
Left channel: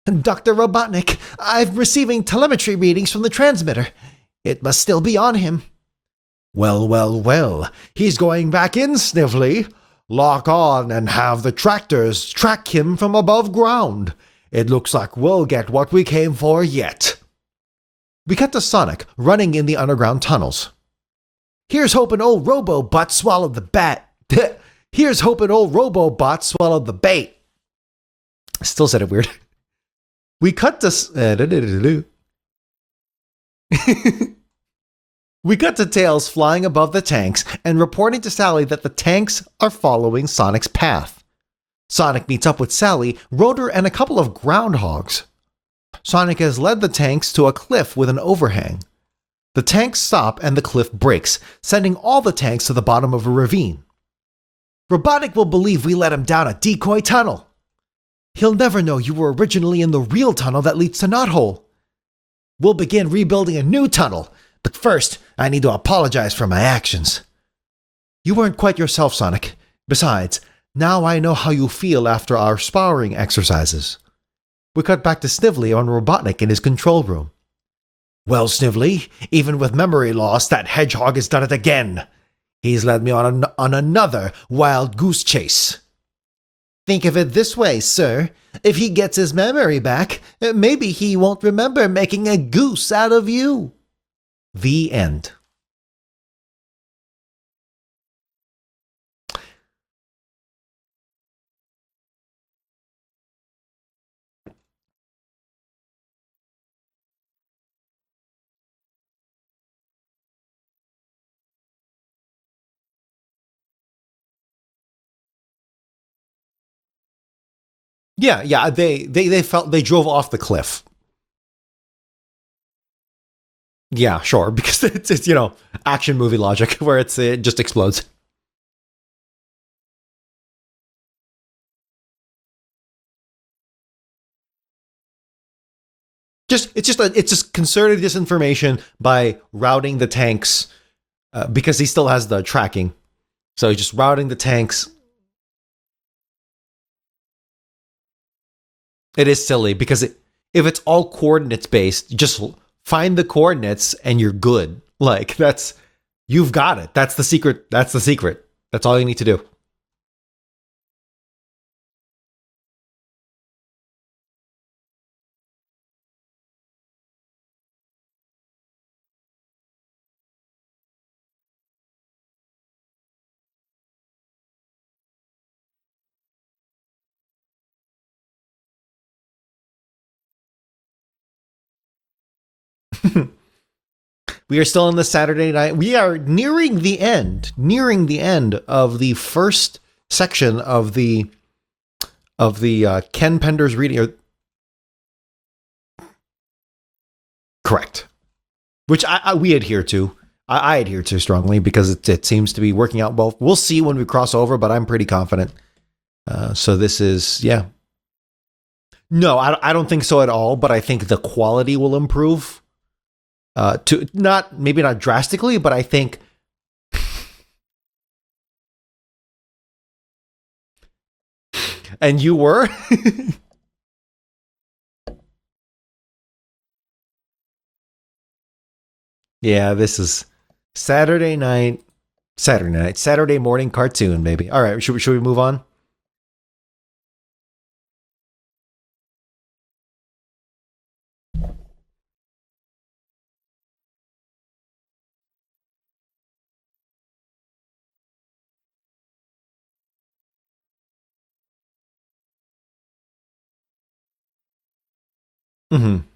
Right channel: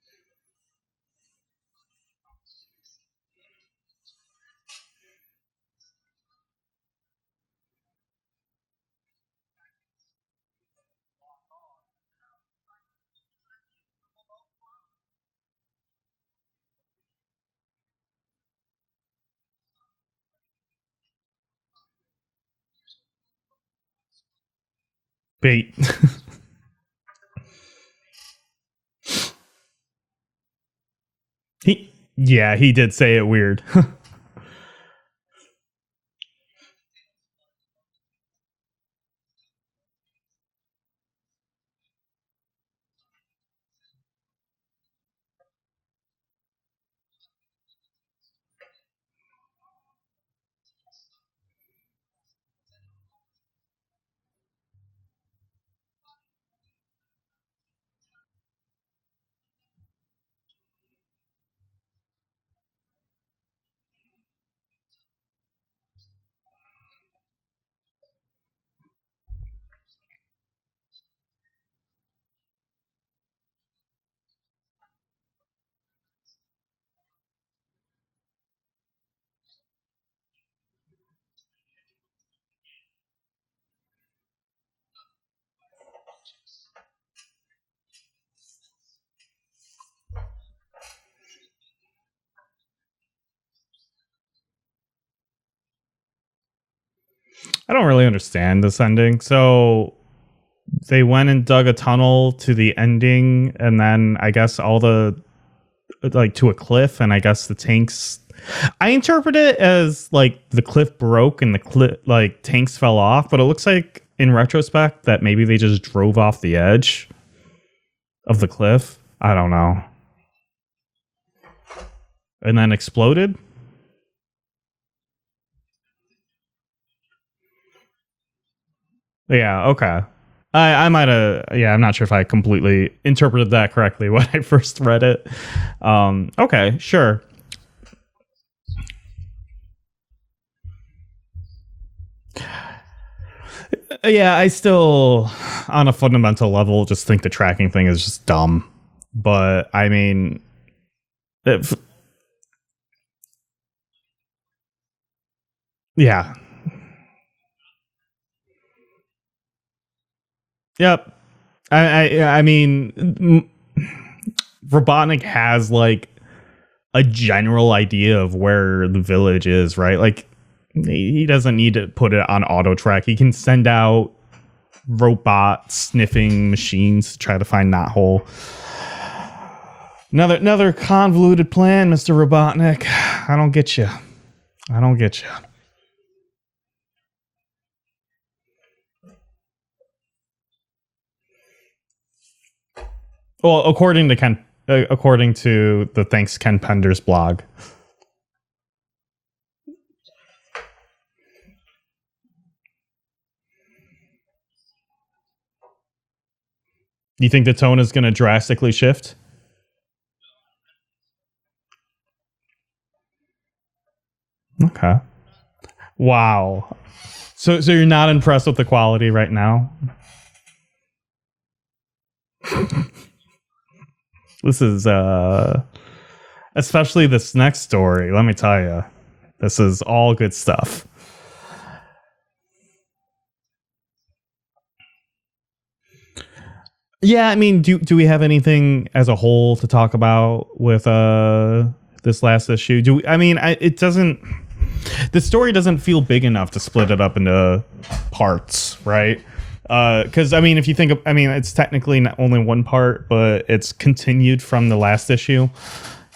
Dr. Robotnik, I'm receiving telemetry readings from the transmitter. It must still be on him. Well, he's going back in, Snively. Lock on and have the tractors track him from above ground. It looks like we'll get what we came for yet. We cut to Sonic running in the underground tunnels. Here's hoping old Robo-Butt swallowed the bat. Here's hoping old Robo-Bot swallowed the bait. Still said it weird. We cut to... Yeah, he did say it weird. We cut to Tails flying above the tanks and reporting to Sally that the tanks are following Sonic's path. Sonic meets up with Sally, Rotor, and a couple of groundhogs. Sonic has led the tanks to a cliff with an overhang. The tanks stop and the cliff breaks, sending all the tanks to the bottom of a ravine. Robotnik will believe we let him down a decoy tunnel. He'll never know you were originally in the real tunnel that leads to Knothole. We'll begin rebuilding a new tunnel, but first, I need to apologize for my actions. You weren't quite yourself, Sonic. Besides, now I know how you feel after our sparring exercises. We cut back to Snively on Robotnik in his control room. Well, Snively, even with memory loss, that hedgehog has done it again. He's led me on another wild goose chase. Think of it this way, sir. If he gets his memory back, maybe he won't remember making a goose out of you. The end. I don't really understand this ending. So they went and dug a tunnel to the ending, and then I guess all the to a cliff, and I guess the tanks. I interpret it as like the cliff broke and the cliff tanks fell off, but it looks like in retrospect that maybe they just drove off the edge. Yeah, cliff. They drove off the cliff and then exploded. Yeah, sure, because it's action movie logic where it just explodes. Yeah, okay. I might have, I'm not sure if I completely interpreted that correctly when I first read it. Okay, it's just concerted disinformation by routing the tanks because he still has the tracking. So just routing the tanks. I still, on a fundamental level, just think the tracking thing is just dumb. It is silly because if it's all coordinate based, just find the coordinates and you're good. Like you've got it. That's the secret. That's all you need to do. Yep. I mean, Robotnik has like a general idea of where the village is, right? Like he doesn't need to put it on auto track. He can send out robot sniffing machines to try to find Knothole. Another convoluted plan, Mr. Robotnik. I don't get you. We are still on the Saturday night. We are nearing the end of the first section of the of the Ken Well, Penders. according to the Thanks Ken Penders blog. Correct. Which we adhere to. I adhere to strongly because it seems to be working out well. We'll see when we cross over, but I'm pretty confident. So this is. You think the tone is going to drastically shift? No, I don't think so at all. But I think the quality will improve. Not drastically, but I think. Wow. So you're not impressed with the quality right now? And you were? This is especially this next story. Let me tell you. This is good stuff. Saturday morning cartoon, baby. All right, should we move on? Yeah, I mean, do we have anything as a whole to talk about with this last issue? It doesn't. The story doesn't feel big enough to split it up into parts, right? Because if you think of, it's technically not only one part, but it's continued from the last issue,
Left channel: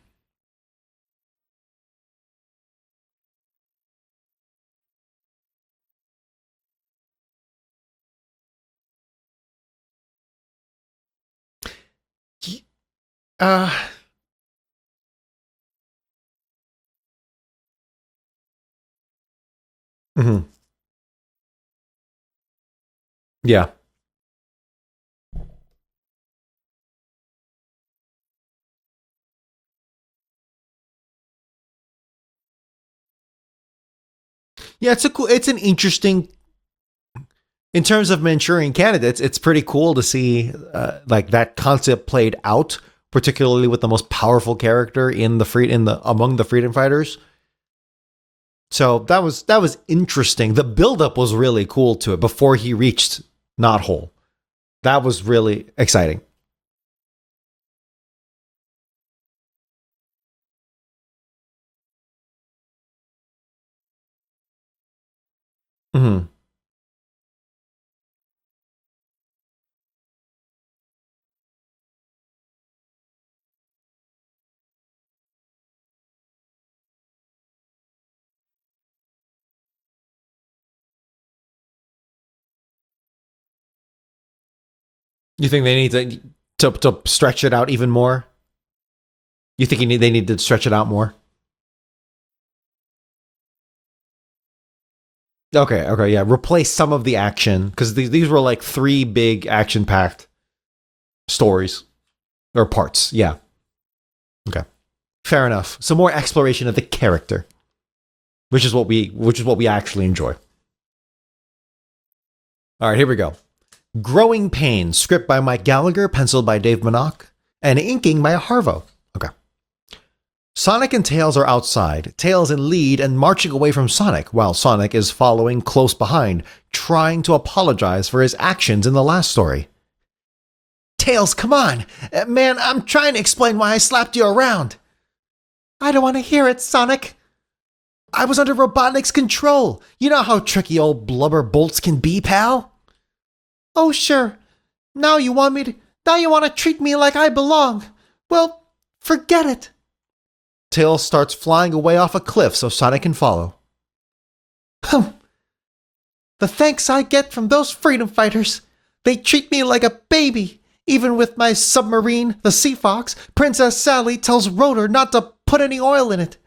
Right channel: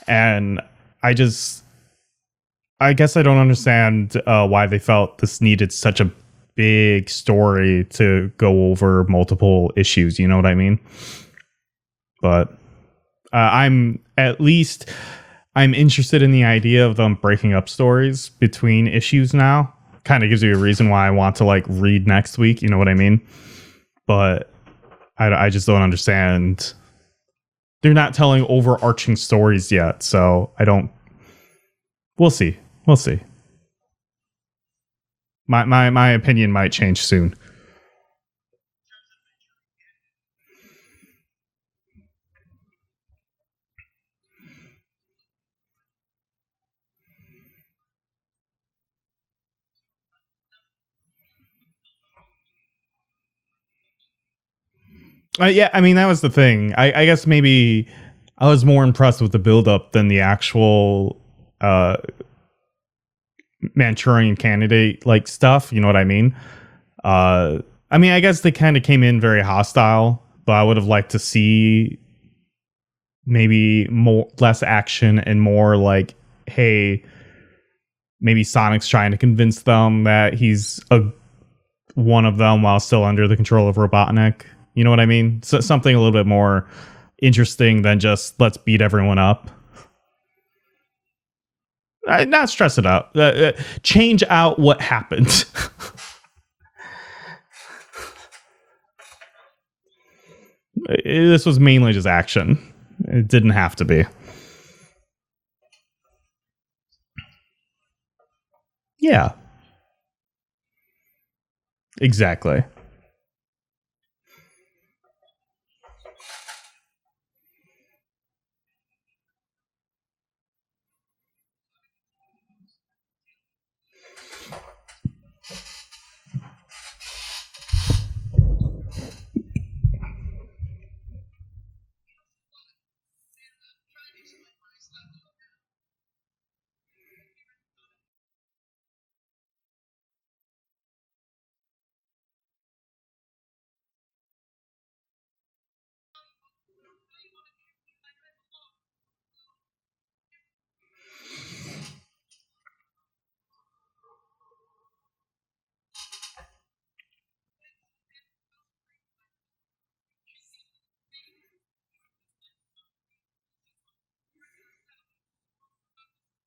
and I guess I don't understand why they felt this needed such a big story to go over multiple issues. You know what I mean? But I'm interested in the idea of them breaking up stories between issues now. Kind of gives you a reason why I want to read next week. You know what I mean? Yeah. But I just don't understand. They're not telling overarching stories yet, so I don't. We'll see. Yeah, it's interesting. My opinion might change soon. In terms of Manchurian Candidates, it's pretty cool to see that concept played out, particularly with the most powerful character among the freedom fighters. So that was interesting. The buildup was really cool to it before he reached Knothole. That was really exciting. That was the thing. I guess maybe I was more impressed with the buildup than the actual Manchurian Candidate stuff. You know what I mean? I guess they kind of came in very hostile, but I would have liked to see maybe less action and more hey, maybe Sonic's trying to convince them that he's one of them while still under the control of Robotnik. You know what I mean? You think something a little bit more to stretch it out even than more? Just let's beat everyone up. You think they need to stretch it out more? Not stress it out. Change out what happened. Okay, yeah. Replace some of the action because these were three big action-packed. This was mainly just action or parts. It didn't have to be. Okay, fair enough. So more exploration of the character, which is what we actually enjoy. Exactly. All right, here we go. Growing Pains, script by Mike Gallagher, penciled by Dave Minock, and inking by Harvo. Okay. Sonic and Tails are outside, Tails in lead and marching away from Sonic, while Sonic is following close behind, trying to apologize for his actions in the last story. Tails, come on. Man, I'm trying to explain why I slapped you around. I don't want to hear it, Sonic. I was under Robotnik's control. You know how tricky old blubber bolts can be, pal? Oh, sure. Now you want to treat me like I belong. Well, forget it. Tails starts flying away off a cliff so Sonic can follow. The thanks I get from those freedom fighters. They treat me like a baby. Even with my submarine, the Sea Fox, Princess Sally tells Rotor not to put any oil in it.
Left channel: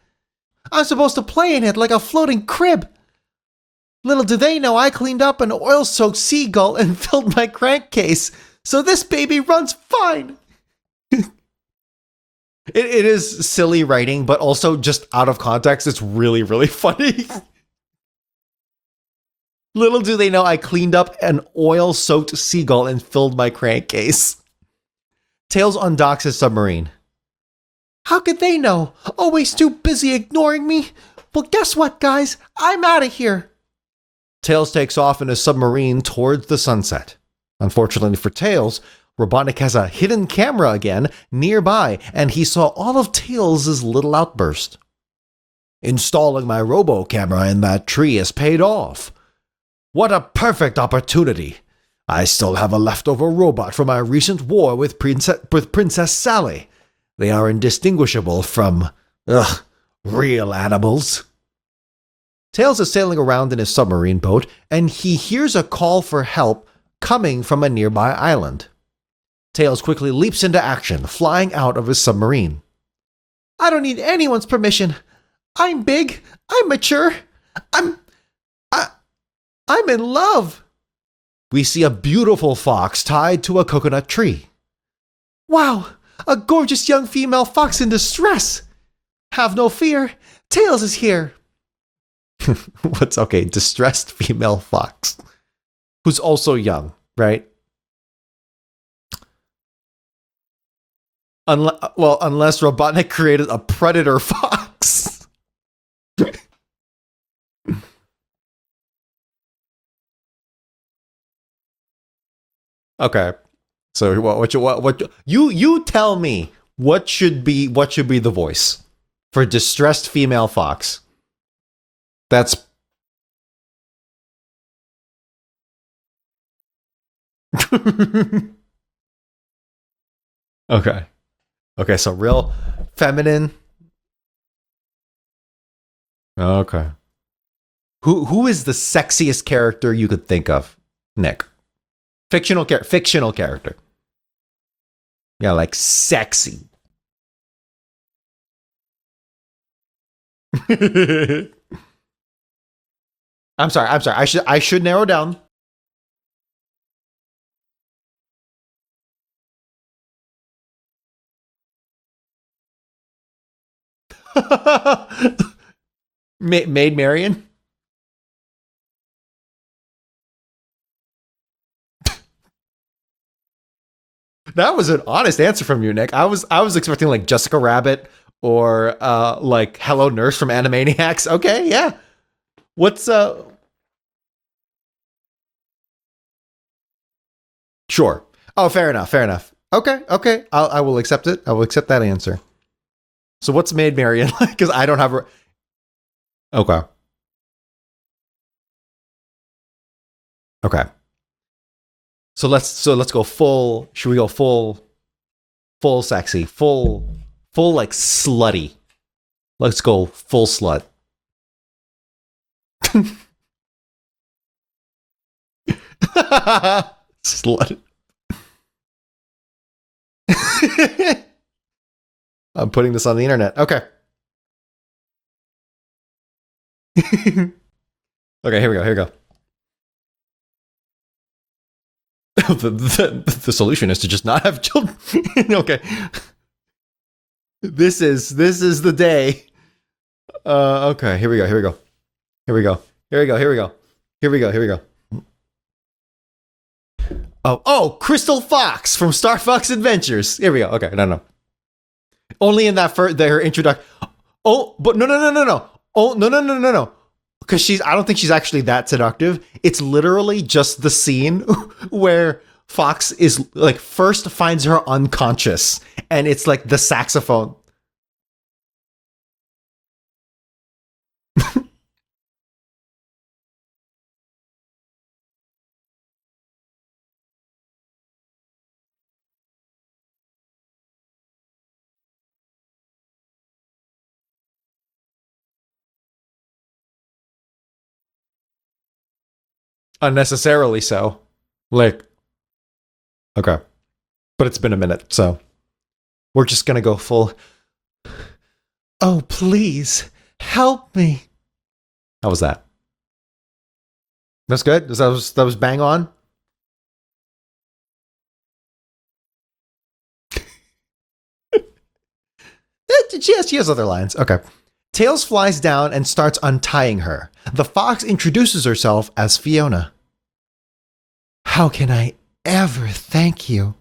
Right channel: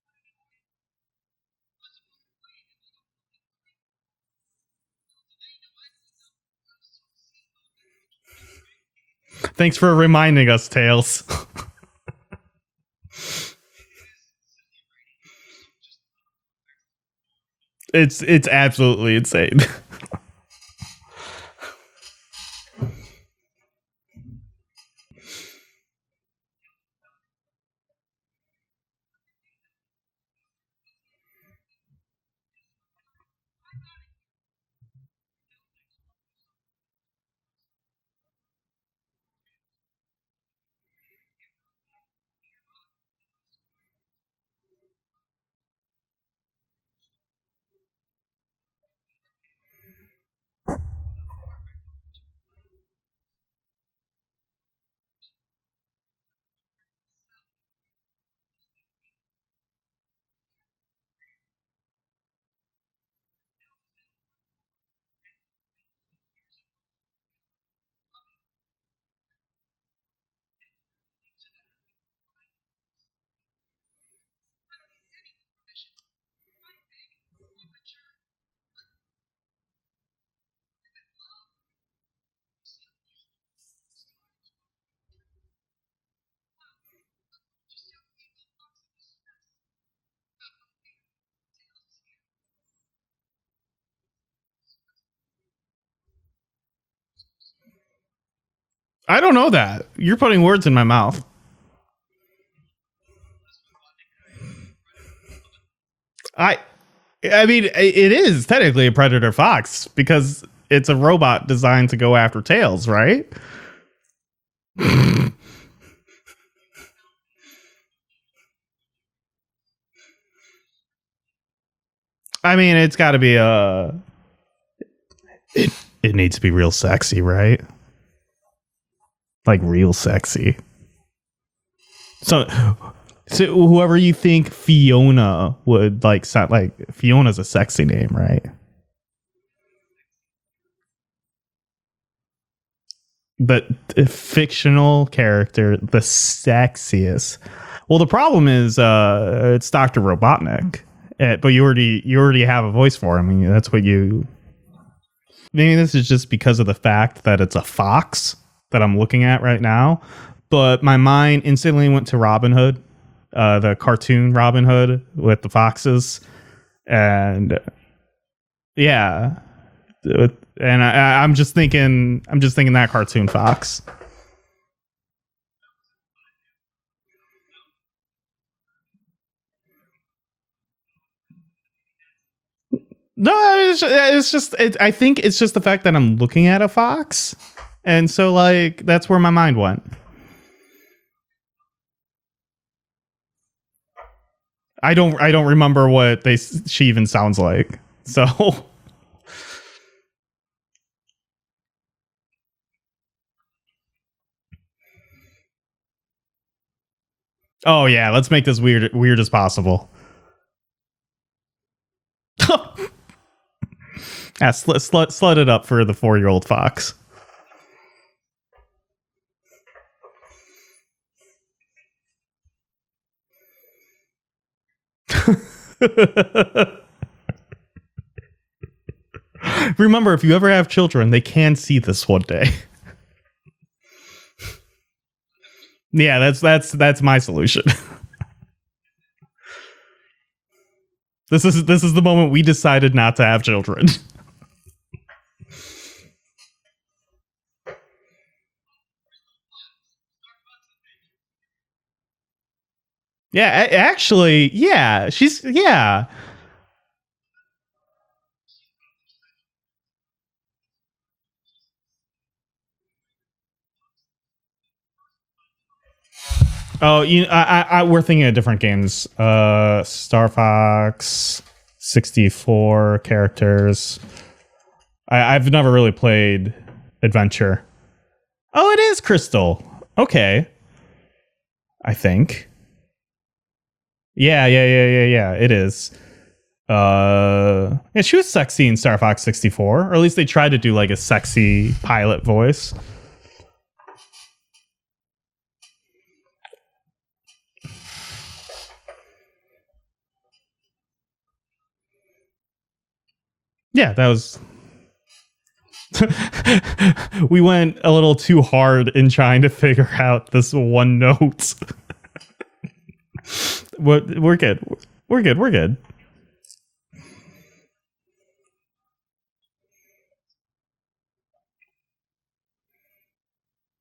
I'm supposed to play in it like a floating crib. Little do they know I cleaned up an oil-soaked seagull and filled my crankcase. So this baby runs Thanks for fine. reminding us, Tails. It is silly writing, but also just out of context, it's really, really funny. It's absolutely insane. Little do they know I cleaned up an oil-soaked seagull and filled my crankcase. Tails undocks his submarine. How could they know? Always too busy ignoring me. Well, guess what, guys? I'm out of here. Tails takes off in a submarine towards the sunset. Unfortunately for Tails, Robotnik has a hidden camera again nearby, and he saw all of Tails' little outburst. Installing my robo-camera in that tree has paid off. What a perfect opportunity. I still have a leftover robot from my recent war with Princess Sally. They are indistinguishable from, real animals. Tails is sailing around in his submarine boat, and he hears a call for help coming from a nearby island. Tails quickly leaps into action, flying out of his submarine. I don't need anyone's permission. I'm big. I'm mature. I'm in love. We see a beautiful fox tied to a coconut tree. Wow, a gorgeous young female fox in distress. Have no fear. Tails is here. What's okay? Distressed female fox. Who's also young, right? I don't know that. You're putting words in my mouth. Unless Robotnik created a predator fox. I mean, it is technically a predator fox because it's a robot designed to go after Tails, right? Okay. So what you tell me what should be the voice for distressed female fox? I mean, it's got to be it needs to be real sexy, right? Like real sexy. Okay, so real feminine. So whoever you think Fiona would like sound like. Fiona's a sexy name. Who is the sexiest character you could think of, Nick? Fictional character. The fictional character, Yeah, like the sexiest. Well, the problem is it's Dr. Robotnik, but you already have a voice for him. I mean, I'm sorry. I should narrow down. Maybe this is just because of the fact that it's a fox that I'm looking at right now. But my mind instantly went to Robin Hood, the cartoon Robin Hood with the foxes. Maid Marian? Yeah. And I'm just thinking that cartoon fox. That was an honest answer from you, Nick. I was expecting like Jessica Rabbit or like Hello Nurse from Animaniacs. Okay, yeah. What's No, it's just I think it's just the fact that I'm looking at a fox. And sure. So like that's where my mind went. Okay. I will accept it. I will accept that answer. So what's Maid Marian like? Because I don't remember what she even sounds like. So okay. So let's go full. Should we go full sexy, full? Oh like yeah, let's slutty. make this weird as possible. Let's go full slut. Yeah, slut it up for the 4-year-old fox. Slut. I'm putting this on the internet. Okay. Okay, here we go. Remember, if you ever have children, they can see this one day. The solution is to just not have children. Okay. Yeah, that's my solution. This is the day. Okay, here we go. This is the moment we decided not to have children. Here we go. Oh, Crystal Fox from Star Fox Adventures. Here we go. Okay, no. Only in that introduction. Actually, yeah. No. Yeah. Oh, no. Because I don't think she's actually that seductive. It's literally just the scene where Fox is like first finds her unconscious, and it's like the saxophone. We're thinking of different games. Star Fox, 64 characters. I've never really played Adventure. Oh, it is Crystal. Okay. I think. Yeah. It is. Yeah, she was sexy in Star Fox 64, or at least they tried to do like a sexy pilot voice. Okay, but it's been a minute, so we're just gonna go full. Oh, please help me. How was that? Yeah, that's good. That was bang on. We went a little too hard in trying to figure out this one note. She has other lines. Okay. We're good. Tails flies down and starts untying her. The fox introduces herself as Fiona. How can I ever thank you?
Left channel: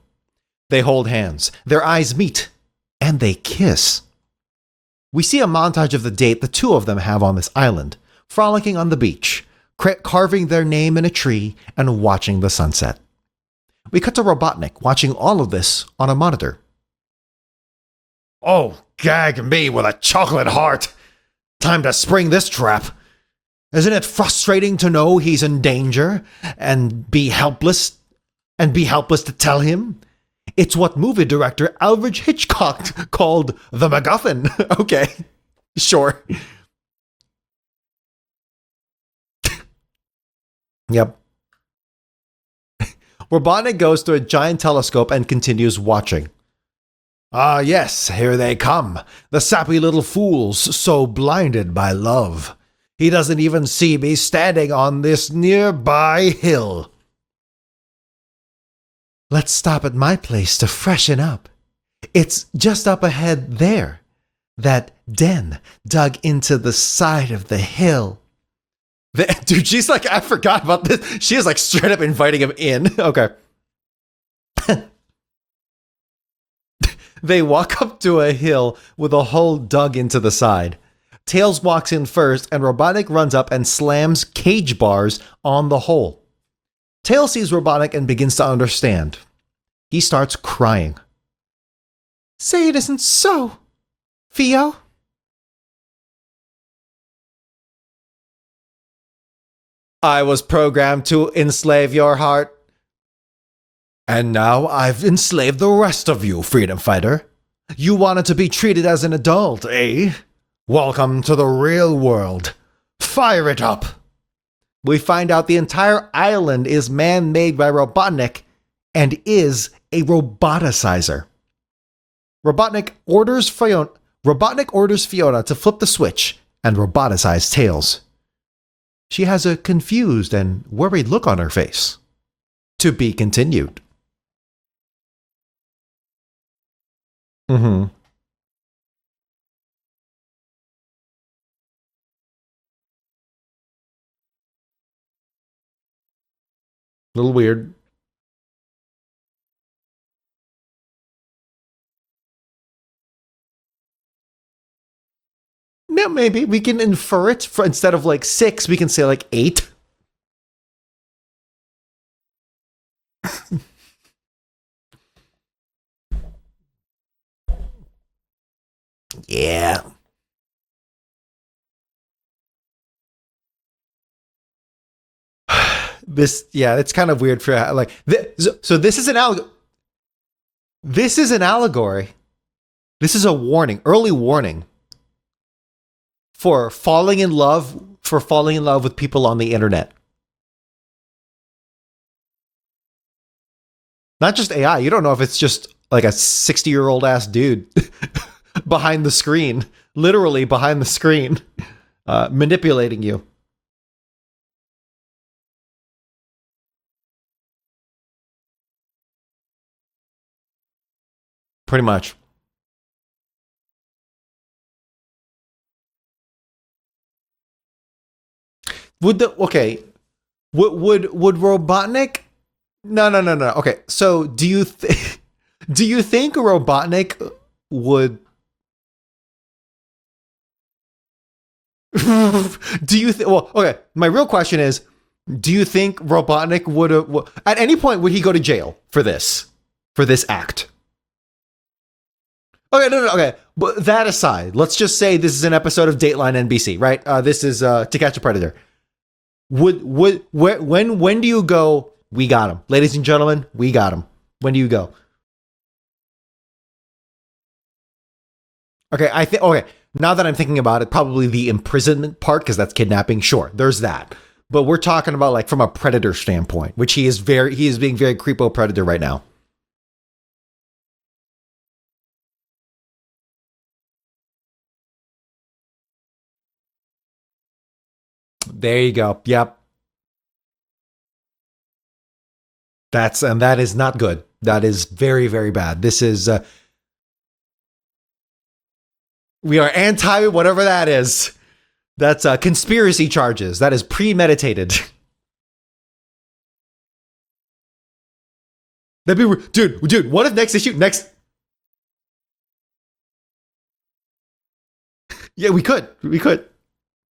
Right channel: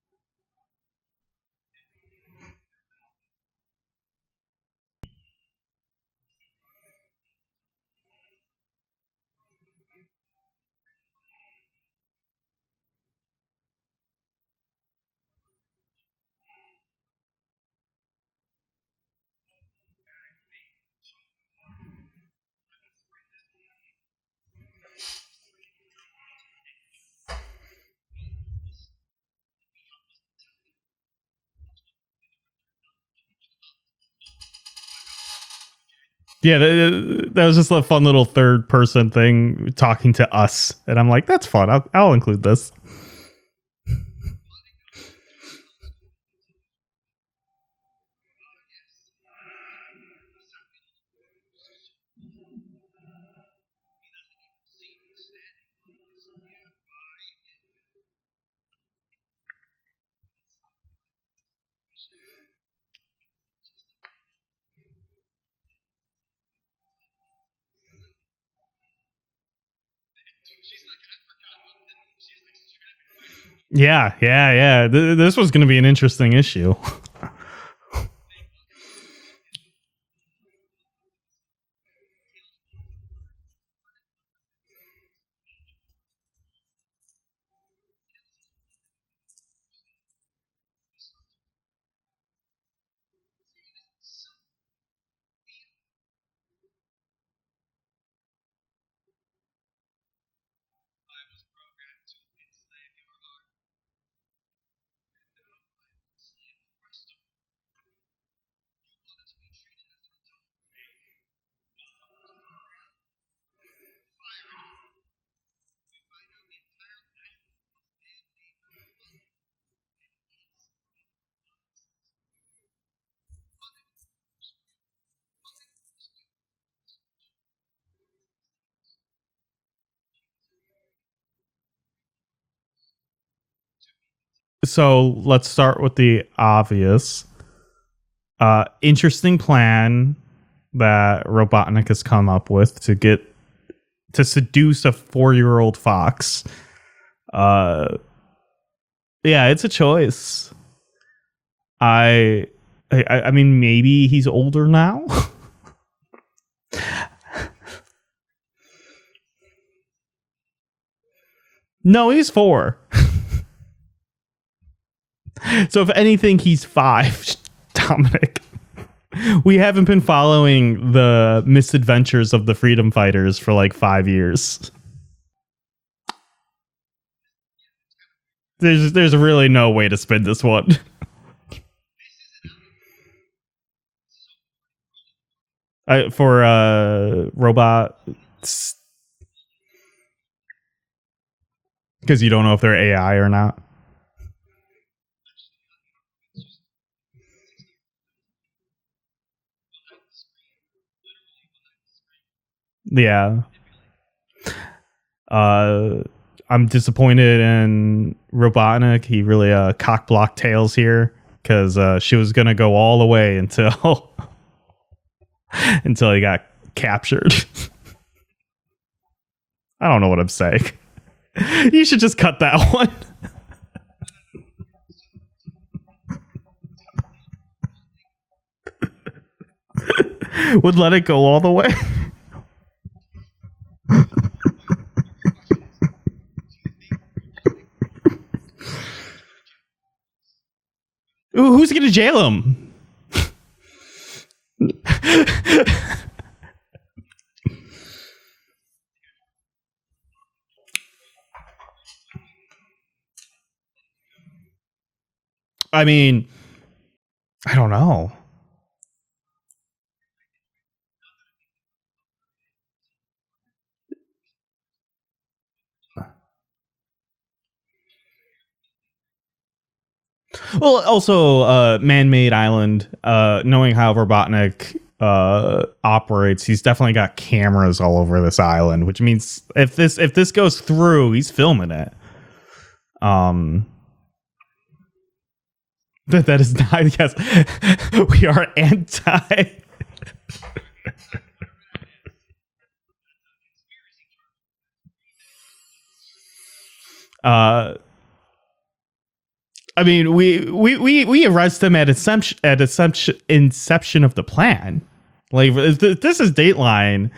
They hold hands. Their eyes meet. And they kiss. We see a montage of the date the two of them have on this island, frolicking on the beach, carving their name in a tree, and watching the sunset. We cut to Robotnik watching all of this on a monitor. Oh, gag me with a chocolate heart. Time to spring this trap. Isn't it frustrating to know he's in danger and be helpless to tell him? It's what movie director Alfred Hitchcock called the MacGuffin. Okay, sure. Yeah, that was just a fun little third person thing talking to us. And I'm like, that's fun. I'll include this. Robotnik goes to a giant telescope and continues watching. Ah, yes, here they come. The sappy little fools, so blinded by love. He doesn't even see me standing on this nearby hill. Let's stop at my place to freshen up. It's just up ahead there. That den dug into the side of the hill. Dude, she's like, I forgot about this. She is like straight up inviting him in. Okay. Yeah. This was going to be an interesting issue. They walk up to a hill with a hole dug into the side. Tails walks in first, and Robotnik runs up and slams cage bars on the hole. Tails sees Robotnik and begins to understand. He starts crying. Say it isn't so, Theo. I was programmed to enslave your heart. And now I've enslaved the rest of you, freedom fighter. You wanted to be treated as an adult, eh? Welcome to the real world. Fire it up. We find out the entire island is man-made by Robotnik and is a roboticizer. Robotnik orders Fiona to flip the switch and roboticize Tails. She has a confused and worried look on her face. To be continued. So let's start with the obvious. Interesting plan that Robotnik has come up with to seduce a 4-year-old fox. A little weird. Yeah, it's a choice. I mean, maybe he's older now. Yeah, maybe we can infer it. Instead of like 6, we can say like 8. No, he's 4. So if anything, he's 5, Dominic. Yeah. We haven't been following the misadventures of the freedom fighters for like 5 years. It's kind of weird for like. There's really no way to spin this one. This is an allegory. This is a warning, early warning for falling in love. For falling in love with people on the internet. Because you don't know if they're AI or not. Not just AI. You don't know if it's just like a 60-year-old ass dude behind the screen, literally behind the screen, manipulating you. I'm disappointed in Robotnik. He really cock-blocked Tails here because she was going to go all the way until he got captured. I don't know what I'm saying. Would Robotnik? You should just cut that one. No. Okay, so do you think Robotnik would let it go all the way? Do you think? Well, okay. My real question is, do you think Robotnik would at any point would he go to jail for this act? Who's going to jail him? Okay, no. Okay, but that aside, let's just say this is an episode of Dateline NBC, right? This is To Catch a Predator. When do you go? We got him, ladies and gentlemen. We got him. When do you go? I mean, I don't know. Okay, okay. Now that I'm thinking about it, probably the imprisonment part because that's kidnapping. Sure, there's that. But we're talking about like from a predator standpoint, which he is being very creepo predator right now. Well, also man-made island. Knowing how Robotnik operates, he's definitely got cameras all over this island. There you go. Means yep. If this goes through, he's filming it. And that is not good. That is very, very bad. That is not. Yes, we are anti. We are anti whatever that is. That's conspiracy charges. That is premeditated. That'd be, dude. I mean, we arrest him at inception of the plan. Like yeah, this is Dateline,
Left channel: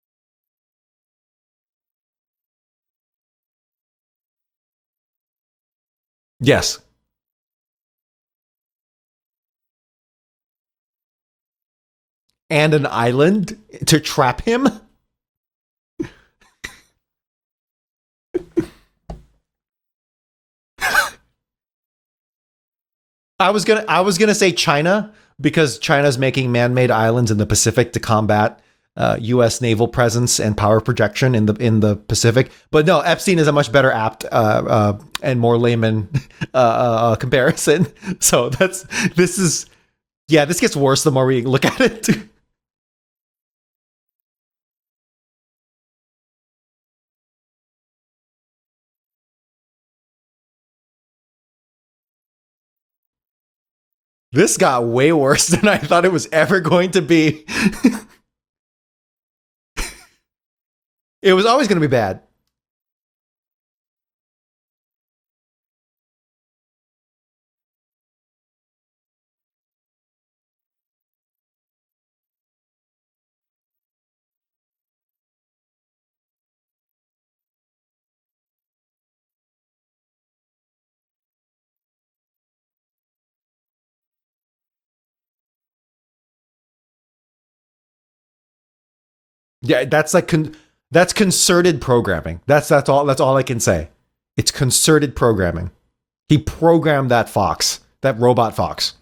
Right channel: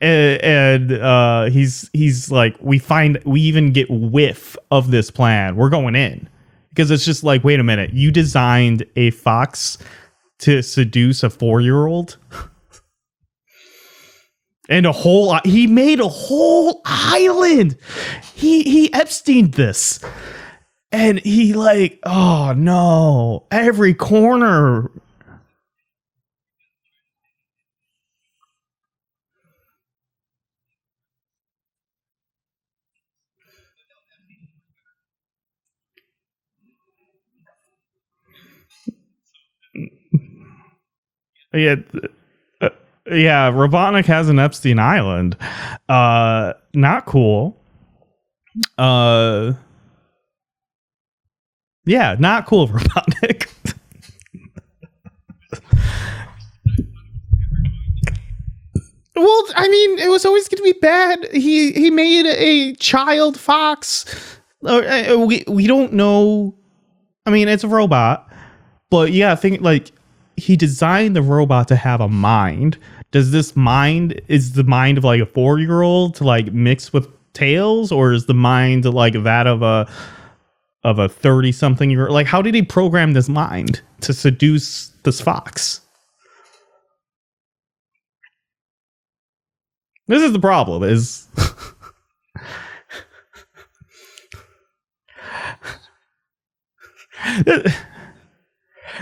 and he's like we even get whiff of this plan. We're going in. Yes, because it's just like, wait a minute, you designed a fox to seduce a 4-year-old and an island to trap him, and he made a whole island. He Epsteined this. And he like, oh no. I was gonna say China, because China's making man-made islands in the Pacific to combat U.S. naval presence and power projection in the Pacific. But no, Epstein is a much better apt and more layman comparison. So this gets worse the more we look at it. Yeah, Robotnik has an Epstein Island. Not cool. Yeah, not cool, Robotnik. This got way worse than I thought it was ever going to be. Well, I mean, it was always going to be bad. It was always going to be bad. He made a child fox. We don't know. I mean, it's a robot, but yeah, I think like he designed the robot to have a mind. Does this mind is the mind of like a 4-year-old to like mix with Tails, or is the mind like that of a 30-something year? Like, how did he program this mind to seduce this fox? Yeah, this is the problem. That's concerted programming. That's all I can say. It's concerted programming. He programmed that fox, that robot fox.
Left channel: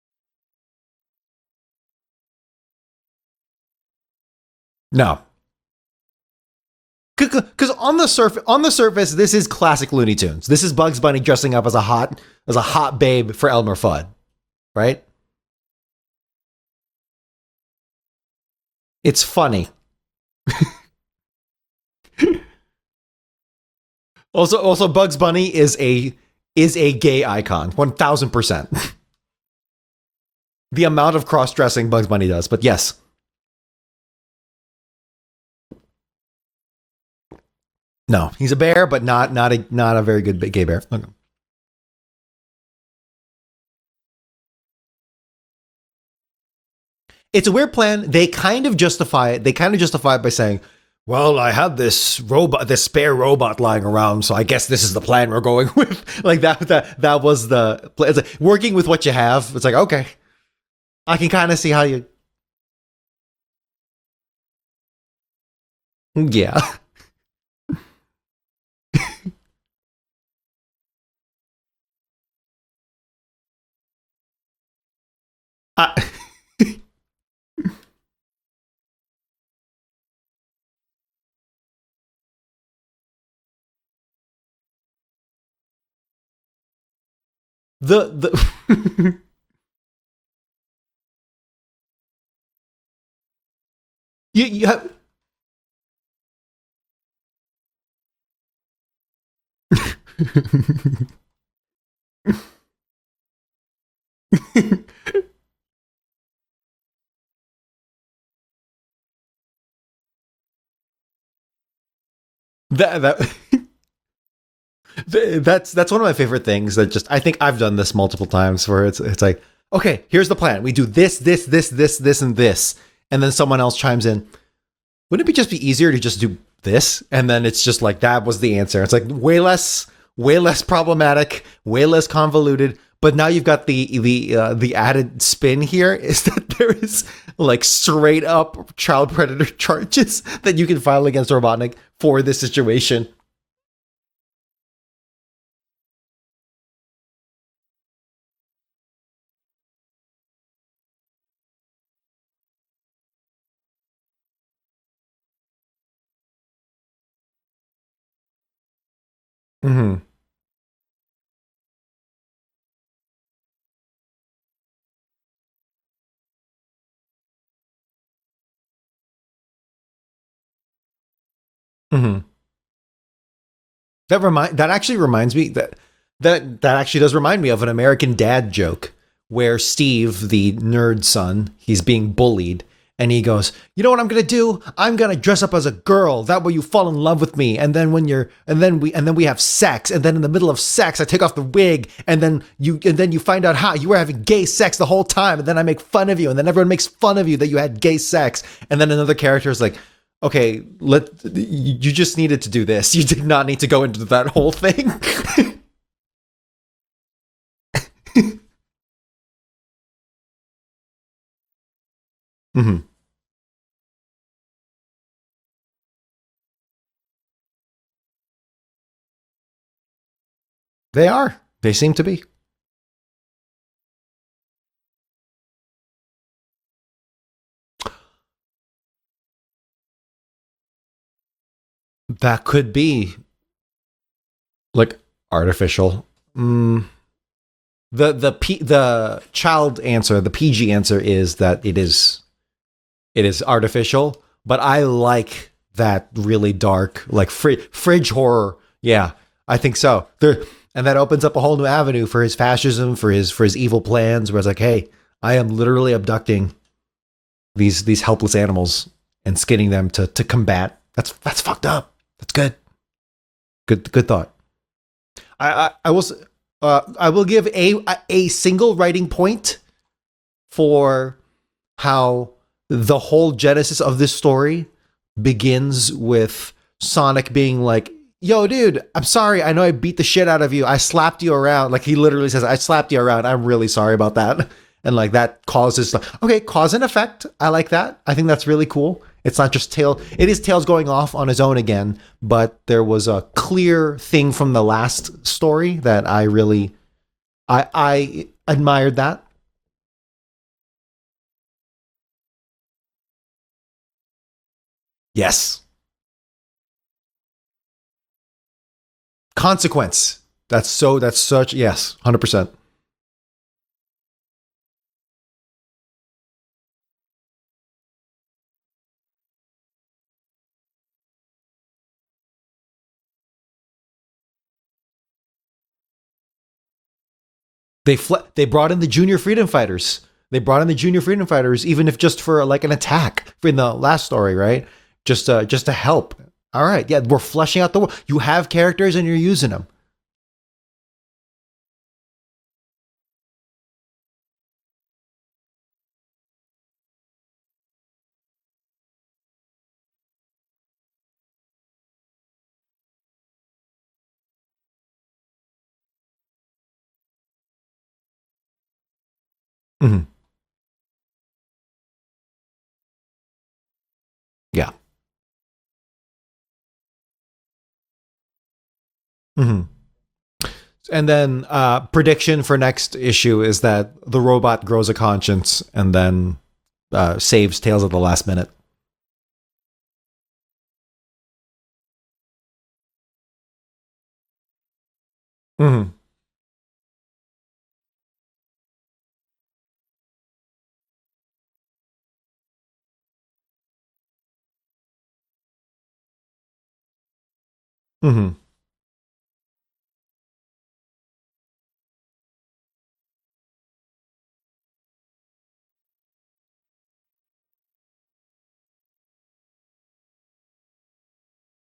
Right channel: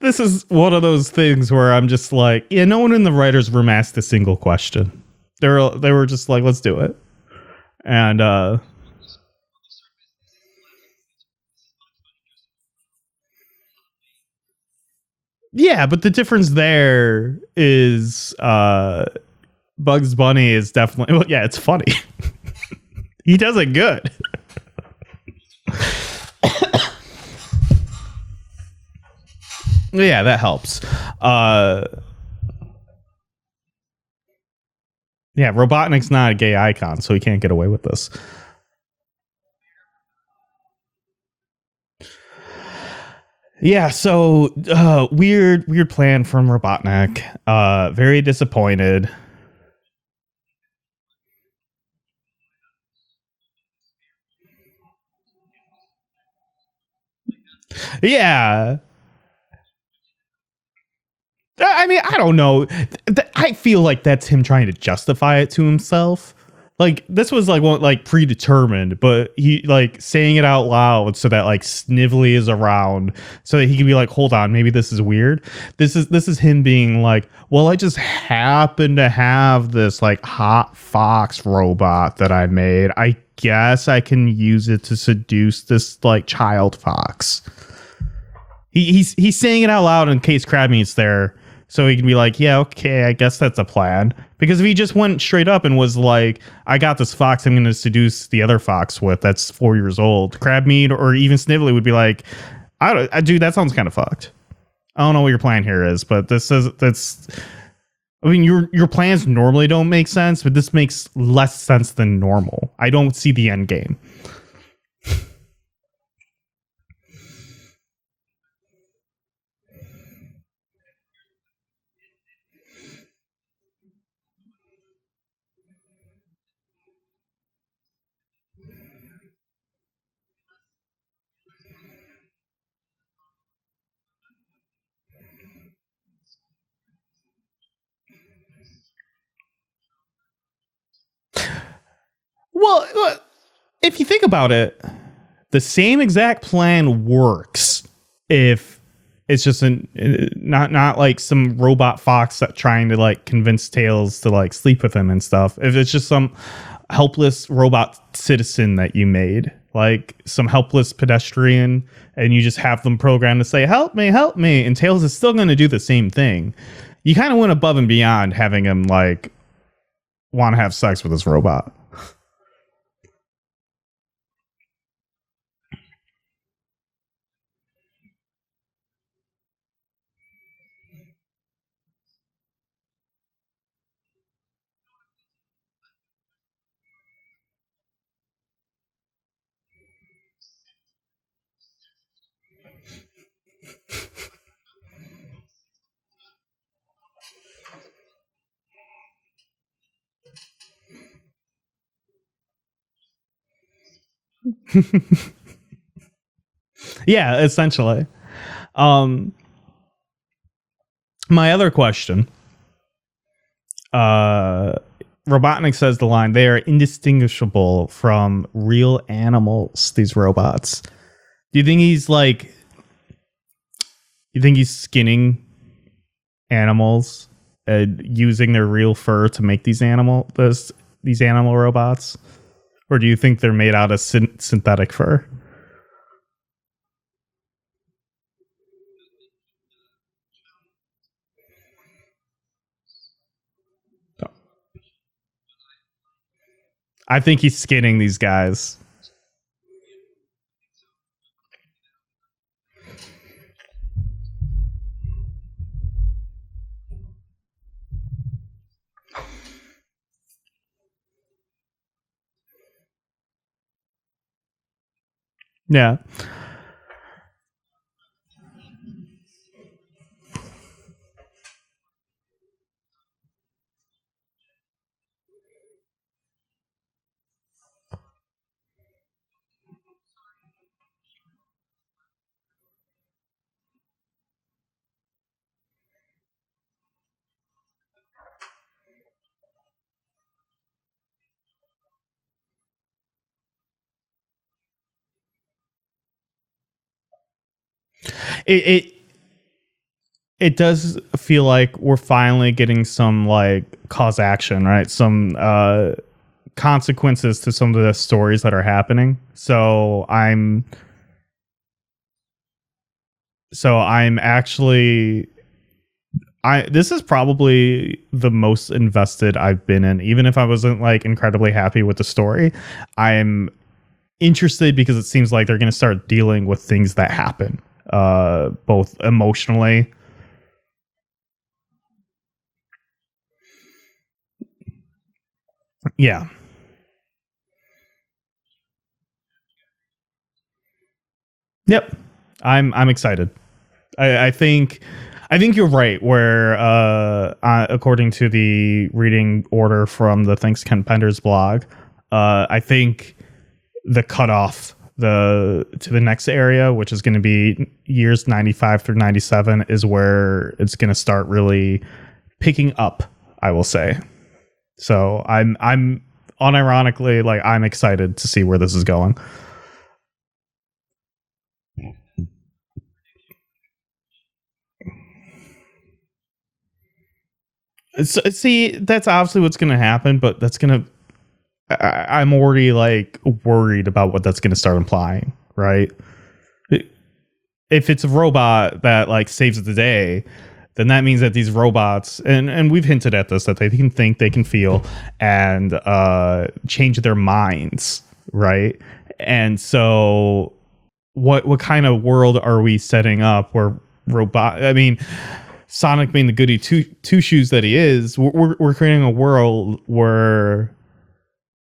This is one of those things where I'm just like, yeah, no one in the writer's room asked a single question. No, they were just like, let's do it. Because on the surface, this is classic Looney Tunes. This is Bugs Bunny dressing up as a hot babe for Elmer Fudd, right? Yeah, but the difference there is it's funny. Bugs Bunny is definitely it's funny. He does it good. Also Bugs Bunny is a gay icon, 1000%. Yeah, that helps. The amount of cross-dressing Bugs Bunny does, but yes. Yeah, Robotnik's not a gay icon, so he can't get away with this. No, he's a bear, but not a very good gay bear. Okay. Yeah, so weird plan from Robotnik. It's a weird plan. Very They disappointed. kind of justify it. They kind of justify it by saying, "Well, I have this spare robot lying around, so I guess this is the plan we're going with." Like that was the plan. Yeah. Like, working with what you have. It's like, okay, I can kind of see how. I mean, I don't know. I feel like that's him trying to justify it to himself. Yeah. Like this was like predetermined, but he like saying it out loud so that like Snively is around so that he can be like, hold on, maybe this is weird. This is him being like, well, I just happen to have this like hot fox robot that I made. I guess I can use it to seduce this like child fox. He's saying it out loud in case Crabmeat's there, so he can be like, yeah, okay, I guess that's a plan. Because if he just went straight up and was like, I got this fox I'm going to seduce the other fox with that's 4 years old, Crabmeat or even Snively would be like, dude, that sounds kind of fucked. I don't know what your plan here is, but that's. I mean, your plans normally don't make sense, but this makes less sense than normal. I don't see the end game. That's one of my favorite things that just, I think I've done this multiple times where it's like, okay, here's the plan. We do this, and this. And then someone else chimes in. Wouldn't it just be easier to just do this? And then it's just like, that was the answer. It's like way less problematic, way less convoluted. But now you've got the added spin here is that there is like straight up child predator charges that you can file against Robotnik for this situation. Well, if you think about it, the same exact plan works if it's just not like some robot fox that trying to like convince Tails to like sleep with him and stuff. If it's just some helpless robot citizen that you made, like some helpless pedestrian, and you just have them programmed to say, help me, and Tails is still going to do the same thing. You kind of went above and beyond having him like want to have sex with this robot. Mm-hmm. That actually reminds me that actually does remind me of an American Dad joke where Steve, the nerd son, he's being bullied. And he goes, you know what I'm going to do? I'm going to dress up as a girl. That way you fall in love with me. And then we have sex. And then in the middle of sex, I take off the wig. And then you find out how you were having gay sex the whole time. And then I make fun of you. And then everyone makes fun of you that you had gay sex. And then another character is like, okay, you just needed to do this. You did not need to go into that whole thing. Yeah, essentially. My other question. Mm-hmm. Robotnik says the line, they are indistinguishable from real animals, these robots. They are. Do you think he's like, you think he's skinning animals using their real fur to make these animal robots? That could be. Or do you think they're made out of synthetic fur? Artificial. The child answer, the PG answer is that it is artificial, but I like that really dark. I think he's skinning these horror. guys. Yeah, I think so. And that opens up a whole new avenue for his fascism, for his evil plans. Where it's like, hey, I am literally abducting these helpless animals and skinning them to combat. That's fucked up. That's good. Good thought. I will give a single writing point for how the whole genesis of this story begins with Sonic being like, yo, dude, I'm sorry. I know I beat the shit out of you. I slapped you around. Like, he literally says, I slapped you around. I'm really sorry about that. And like that causes, okay, cause and effect. I like that. I think that's really cool. It's not just Tails. It is Tails going off on his own again, but there was a clear thing from the last story that I really, I admired that. It does feel like we're finally getting some like cause action, right? Some consequences to some of the stories that are happening. Consequence. So that's such, yes, 100%. So I'm actually, this is probably the most invested I've been in, even if I wasn't like incredibly happy with the story. I'm interested because it seems like they're going to start dealing with things that happen. They brought in the Junior Freedom Fighters. They brought in the Junior Freedom Fighters, even if just for like an attack in the last story, right? Just to help. Yeah. All right. Yeah, we're fleshing out the world. You have characters and you're using them. Yep. I'm excited. I think you're right. Where according to the reading order from the Thanks Ken Pender's blog, I think the cutoff to the next area, which is going to be years 95 through 97, is where it's going to start really picking up, I will say. Yeah. So I'm unironically, like, I'm excited to see where this is going. Mm-hmm. And then prediction for next issue is that the robot grows a conscience and then saves Tails at the last minute. See, that's obviously what's going to happen, but that's going to, I'm already like worried about what that's going to start implying, right? If it's a robot that like saves the day, then that means that these robots, and we've hinted at this, that they can think, they can feel, and change their minds, right? And so what kind of world are we setting up where Sonic being the goody two shoes that he is, we're creating a world where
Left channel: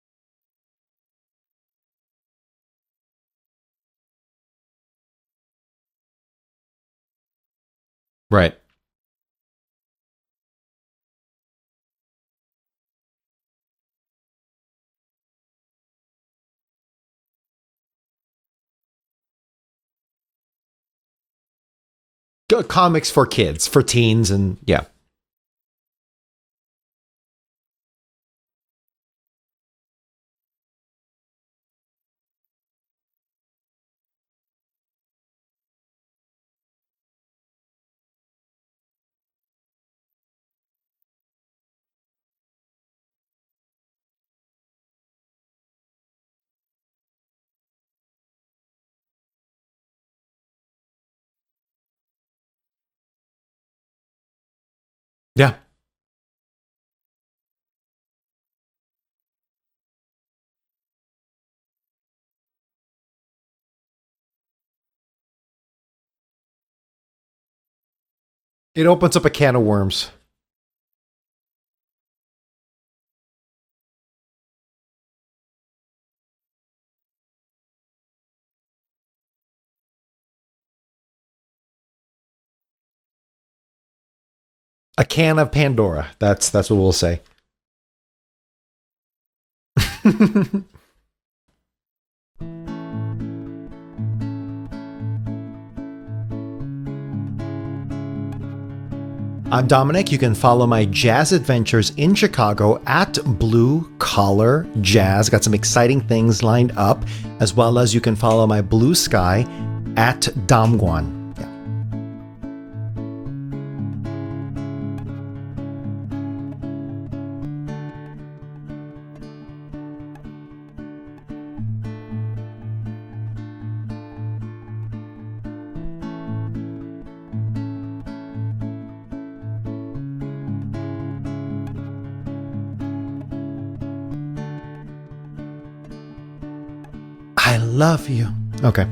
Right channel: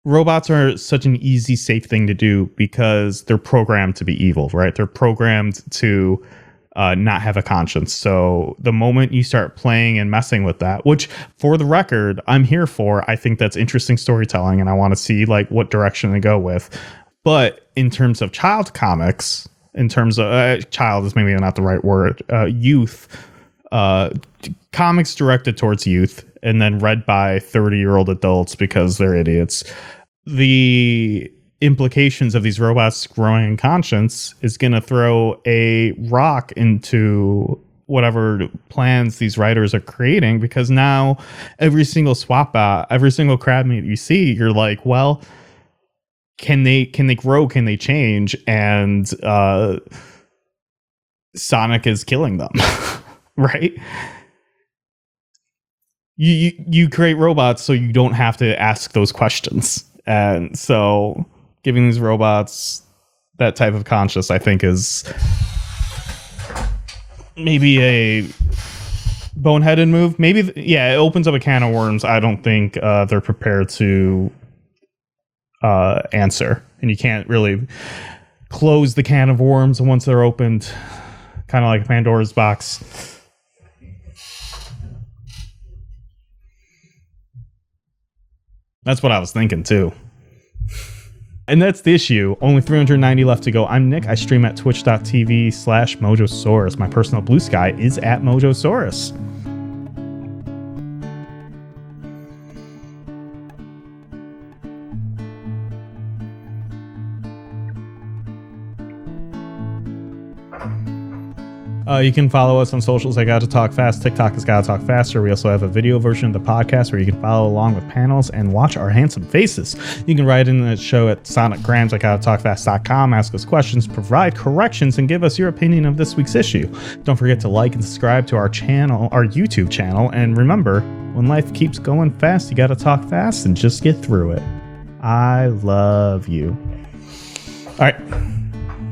robots are such an easy, safe thing to do because they're programmed to be evil, right? They're programmed to not have a conscience. So the moment you start playing and messing with that, which for the record, I'm here for, I think that's interesting storytelling and I want to see like what direction to go with. But in terms of child comics, in terms of child is maybe not the right word. Youth, comics for kids, for teens, and comics directed towards youth and then read by 30-year-old adults because they're idiots. The implications of these robots growing in conscience is going to throw a rock into whatever plans these writers are creating, because now every single swap out, every single crab meat you see, you're like, well, can they grow? Can they change? And Sonic is killing them, right? Yeah. You create robots so you don't have to ask those questions. And so giving these robots that type of conscience, I think, is maybe it opens up a can of worms. Move. Maybe, it opens up a can of worms. I don't think they're prepared to answer. And you can't really close the can of worms once they're opened, kind of like Pandora's box. A can of Pandora. That's what we'll say. That's what I was thinking too. And that's the issue. Only 390 left to go. I'm Nick. I stream at twitch.tv/Mojosaurus. My personal blue sky is at Mojosaurus. I'm Dominic. You can follow my jazz adventures in Chicago at Blue Collar Jazz. Got some exciting things lined up, as well as you can follow my blue sky at Domguan. You can follow us on socials. I Gotta Talk Fast. TikTok is Gotta Talk Faster. We also have a video version of the podcast where you can follow along with panels and watch our handsome faces. You can write in the show at sonicgrams@gottatalkfast.com. Ask us questions, provide corrections, and give us your opinion of this week's issue. Don't forget to like and subscribe to our channel, our YouTube channel. And remember, when life keeps going fast, you gotta talk fast and just get through it. I love you. I love you. Okay.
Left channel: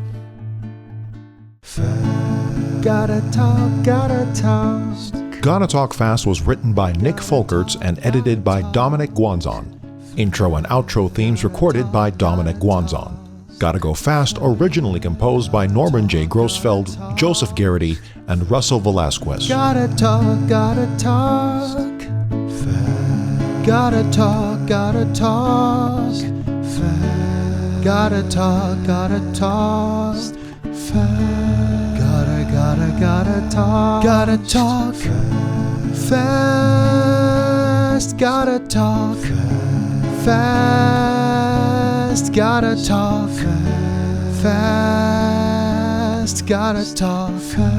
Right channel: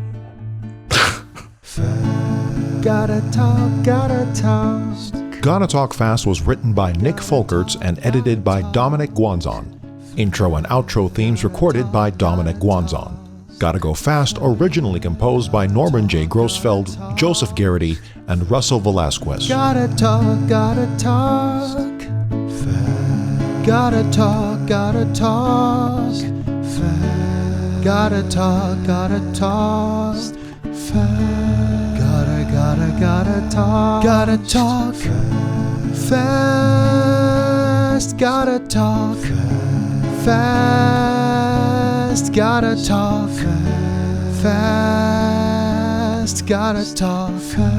Gotta talk, gotta talk. Gotta Talk Fast was written by Nick Folkerts and edited by Dominic Guanzon. Intro and outro themes recorded by Dominic Guanzon. Gotta Go Fast originally composed by Norman J. Grossfeld, Joseph Garrity, and Russell Velasquez. Gotta talk, gotta talk. Gotta talk, gotta talk. Gotta talk, gotta talk. Gotta talk. Gotta talk fast. Gotta talk fast. Gotta talk fast. Gotta talk fast.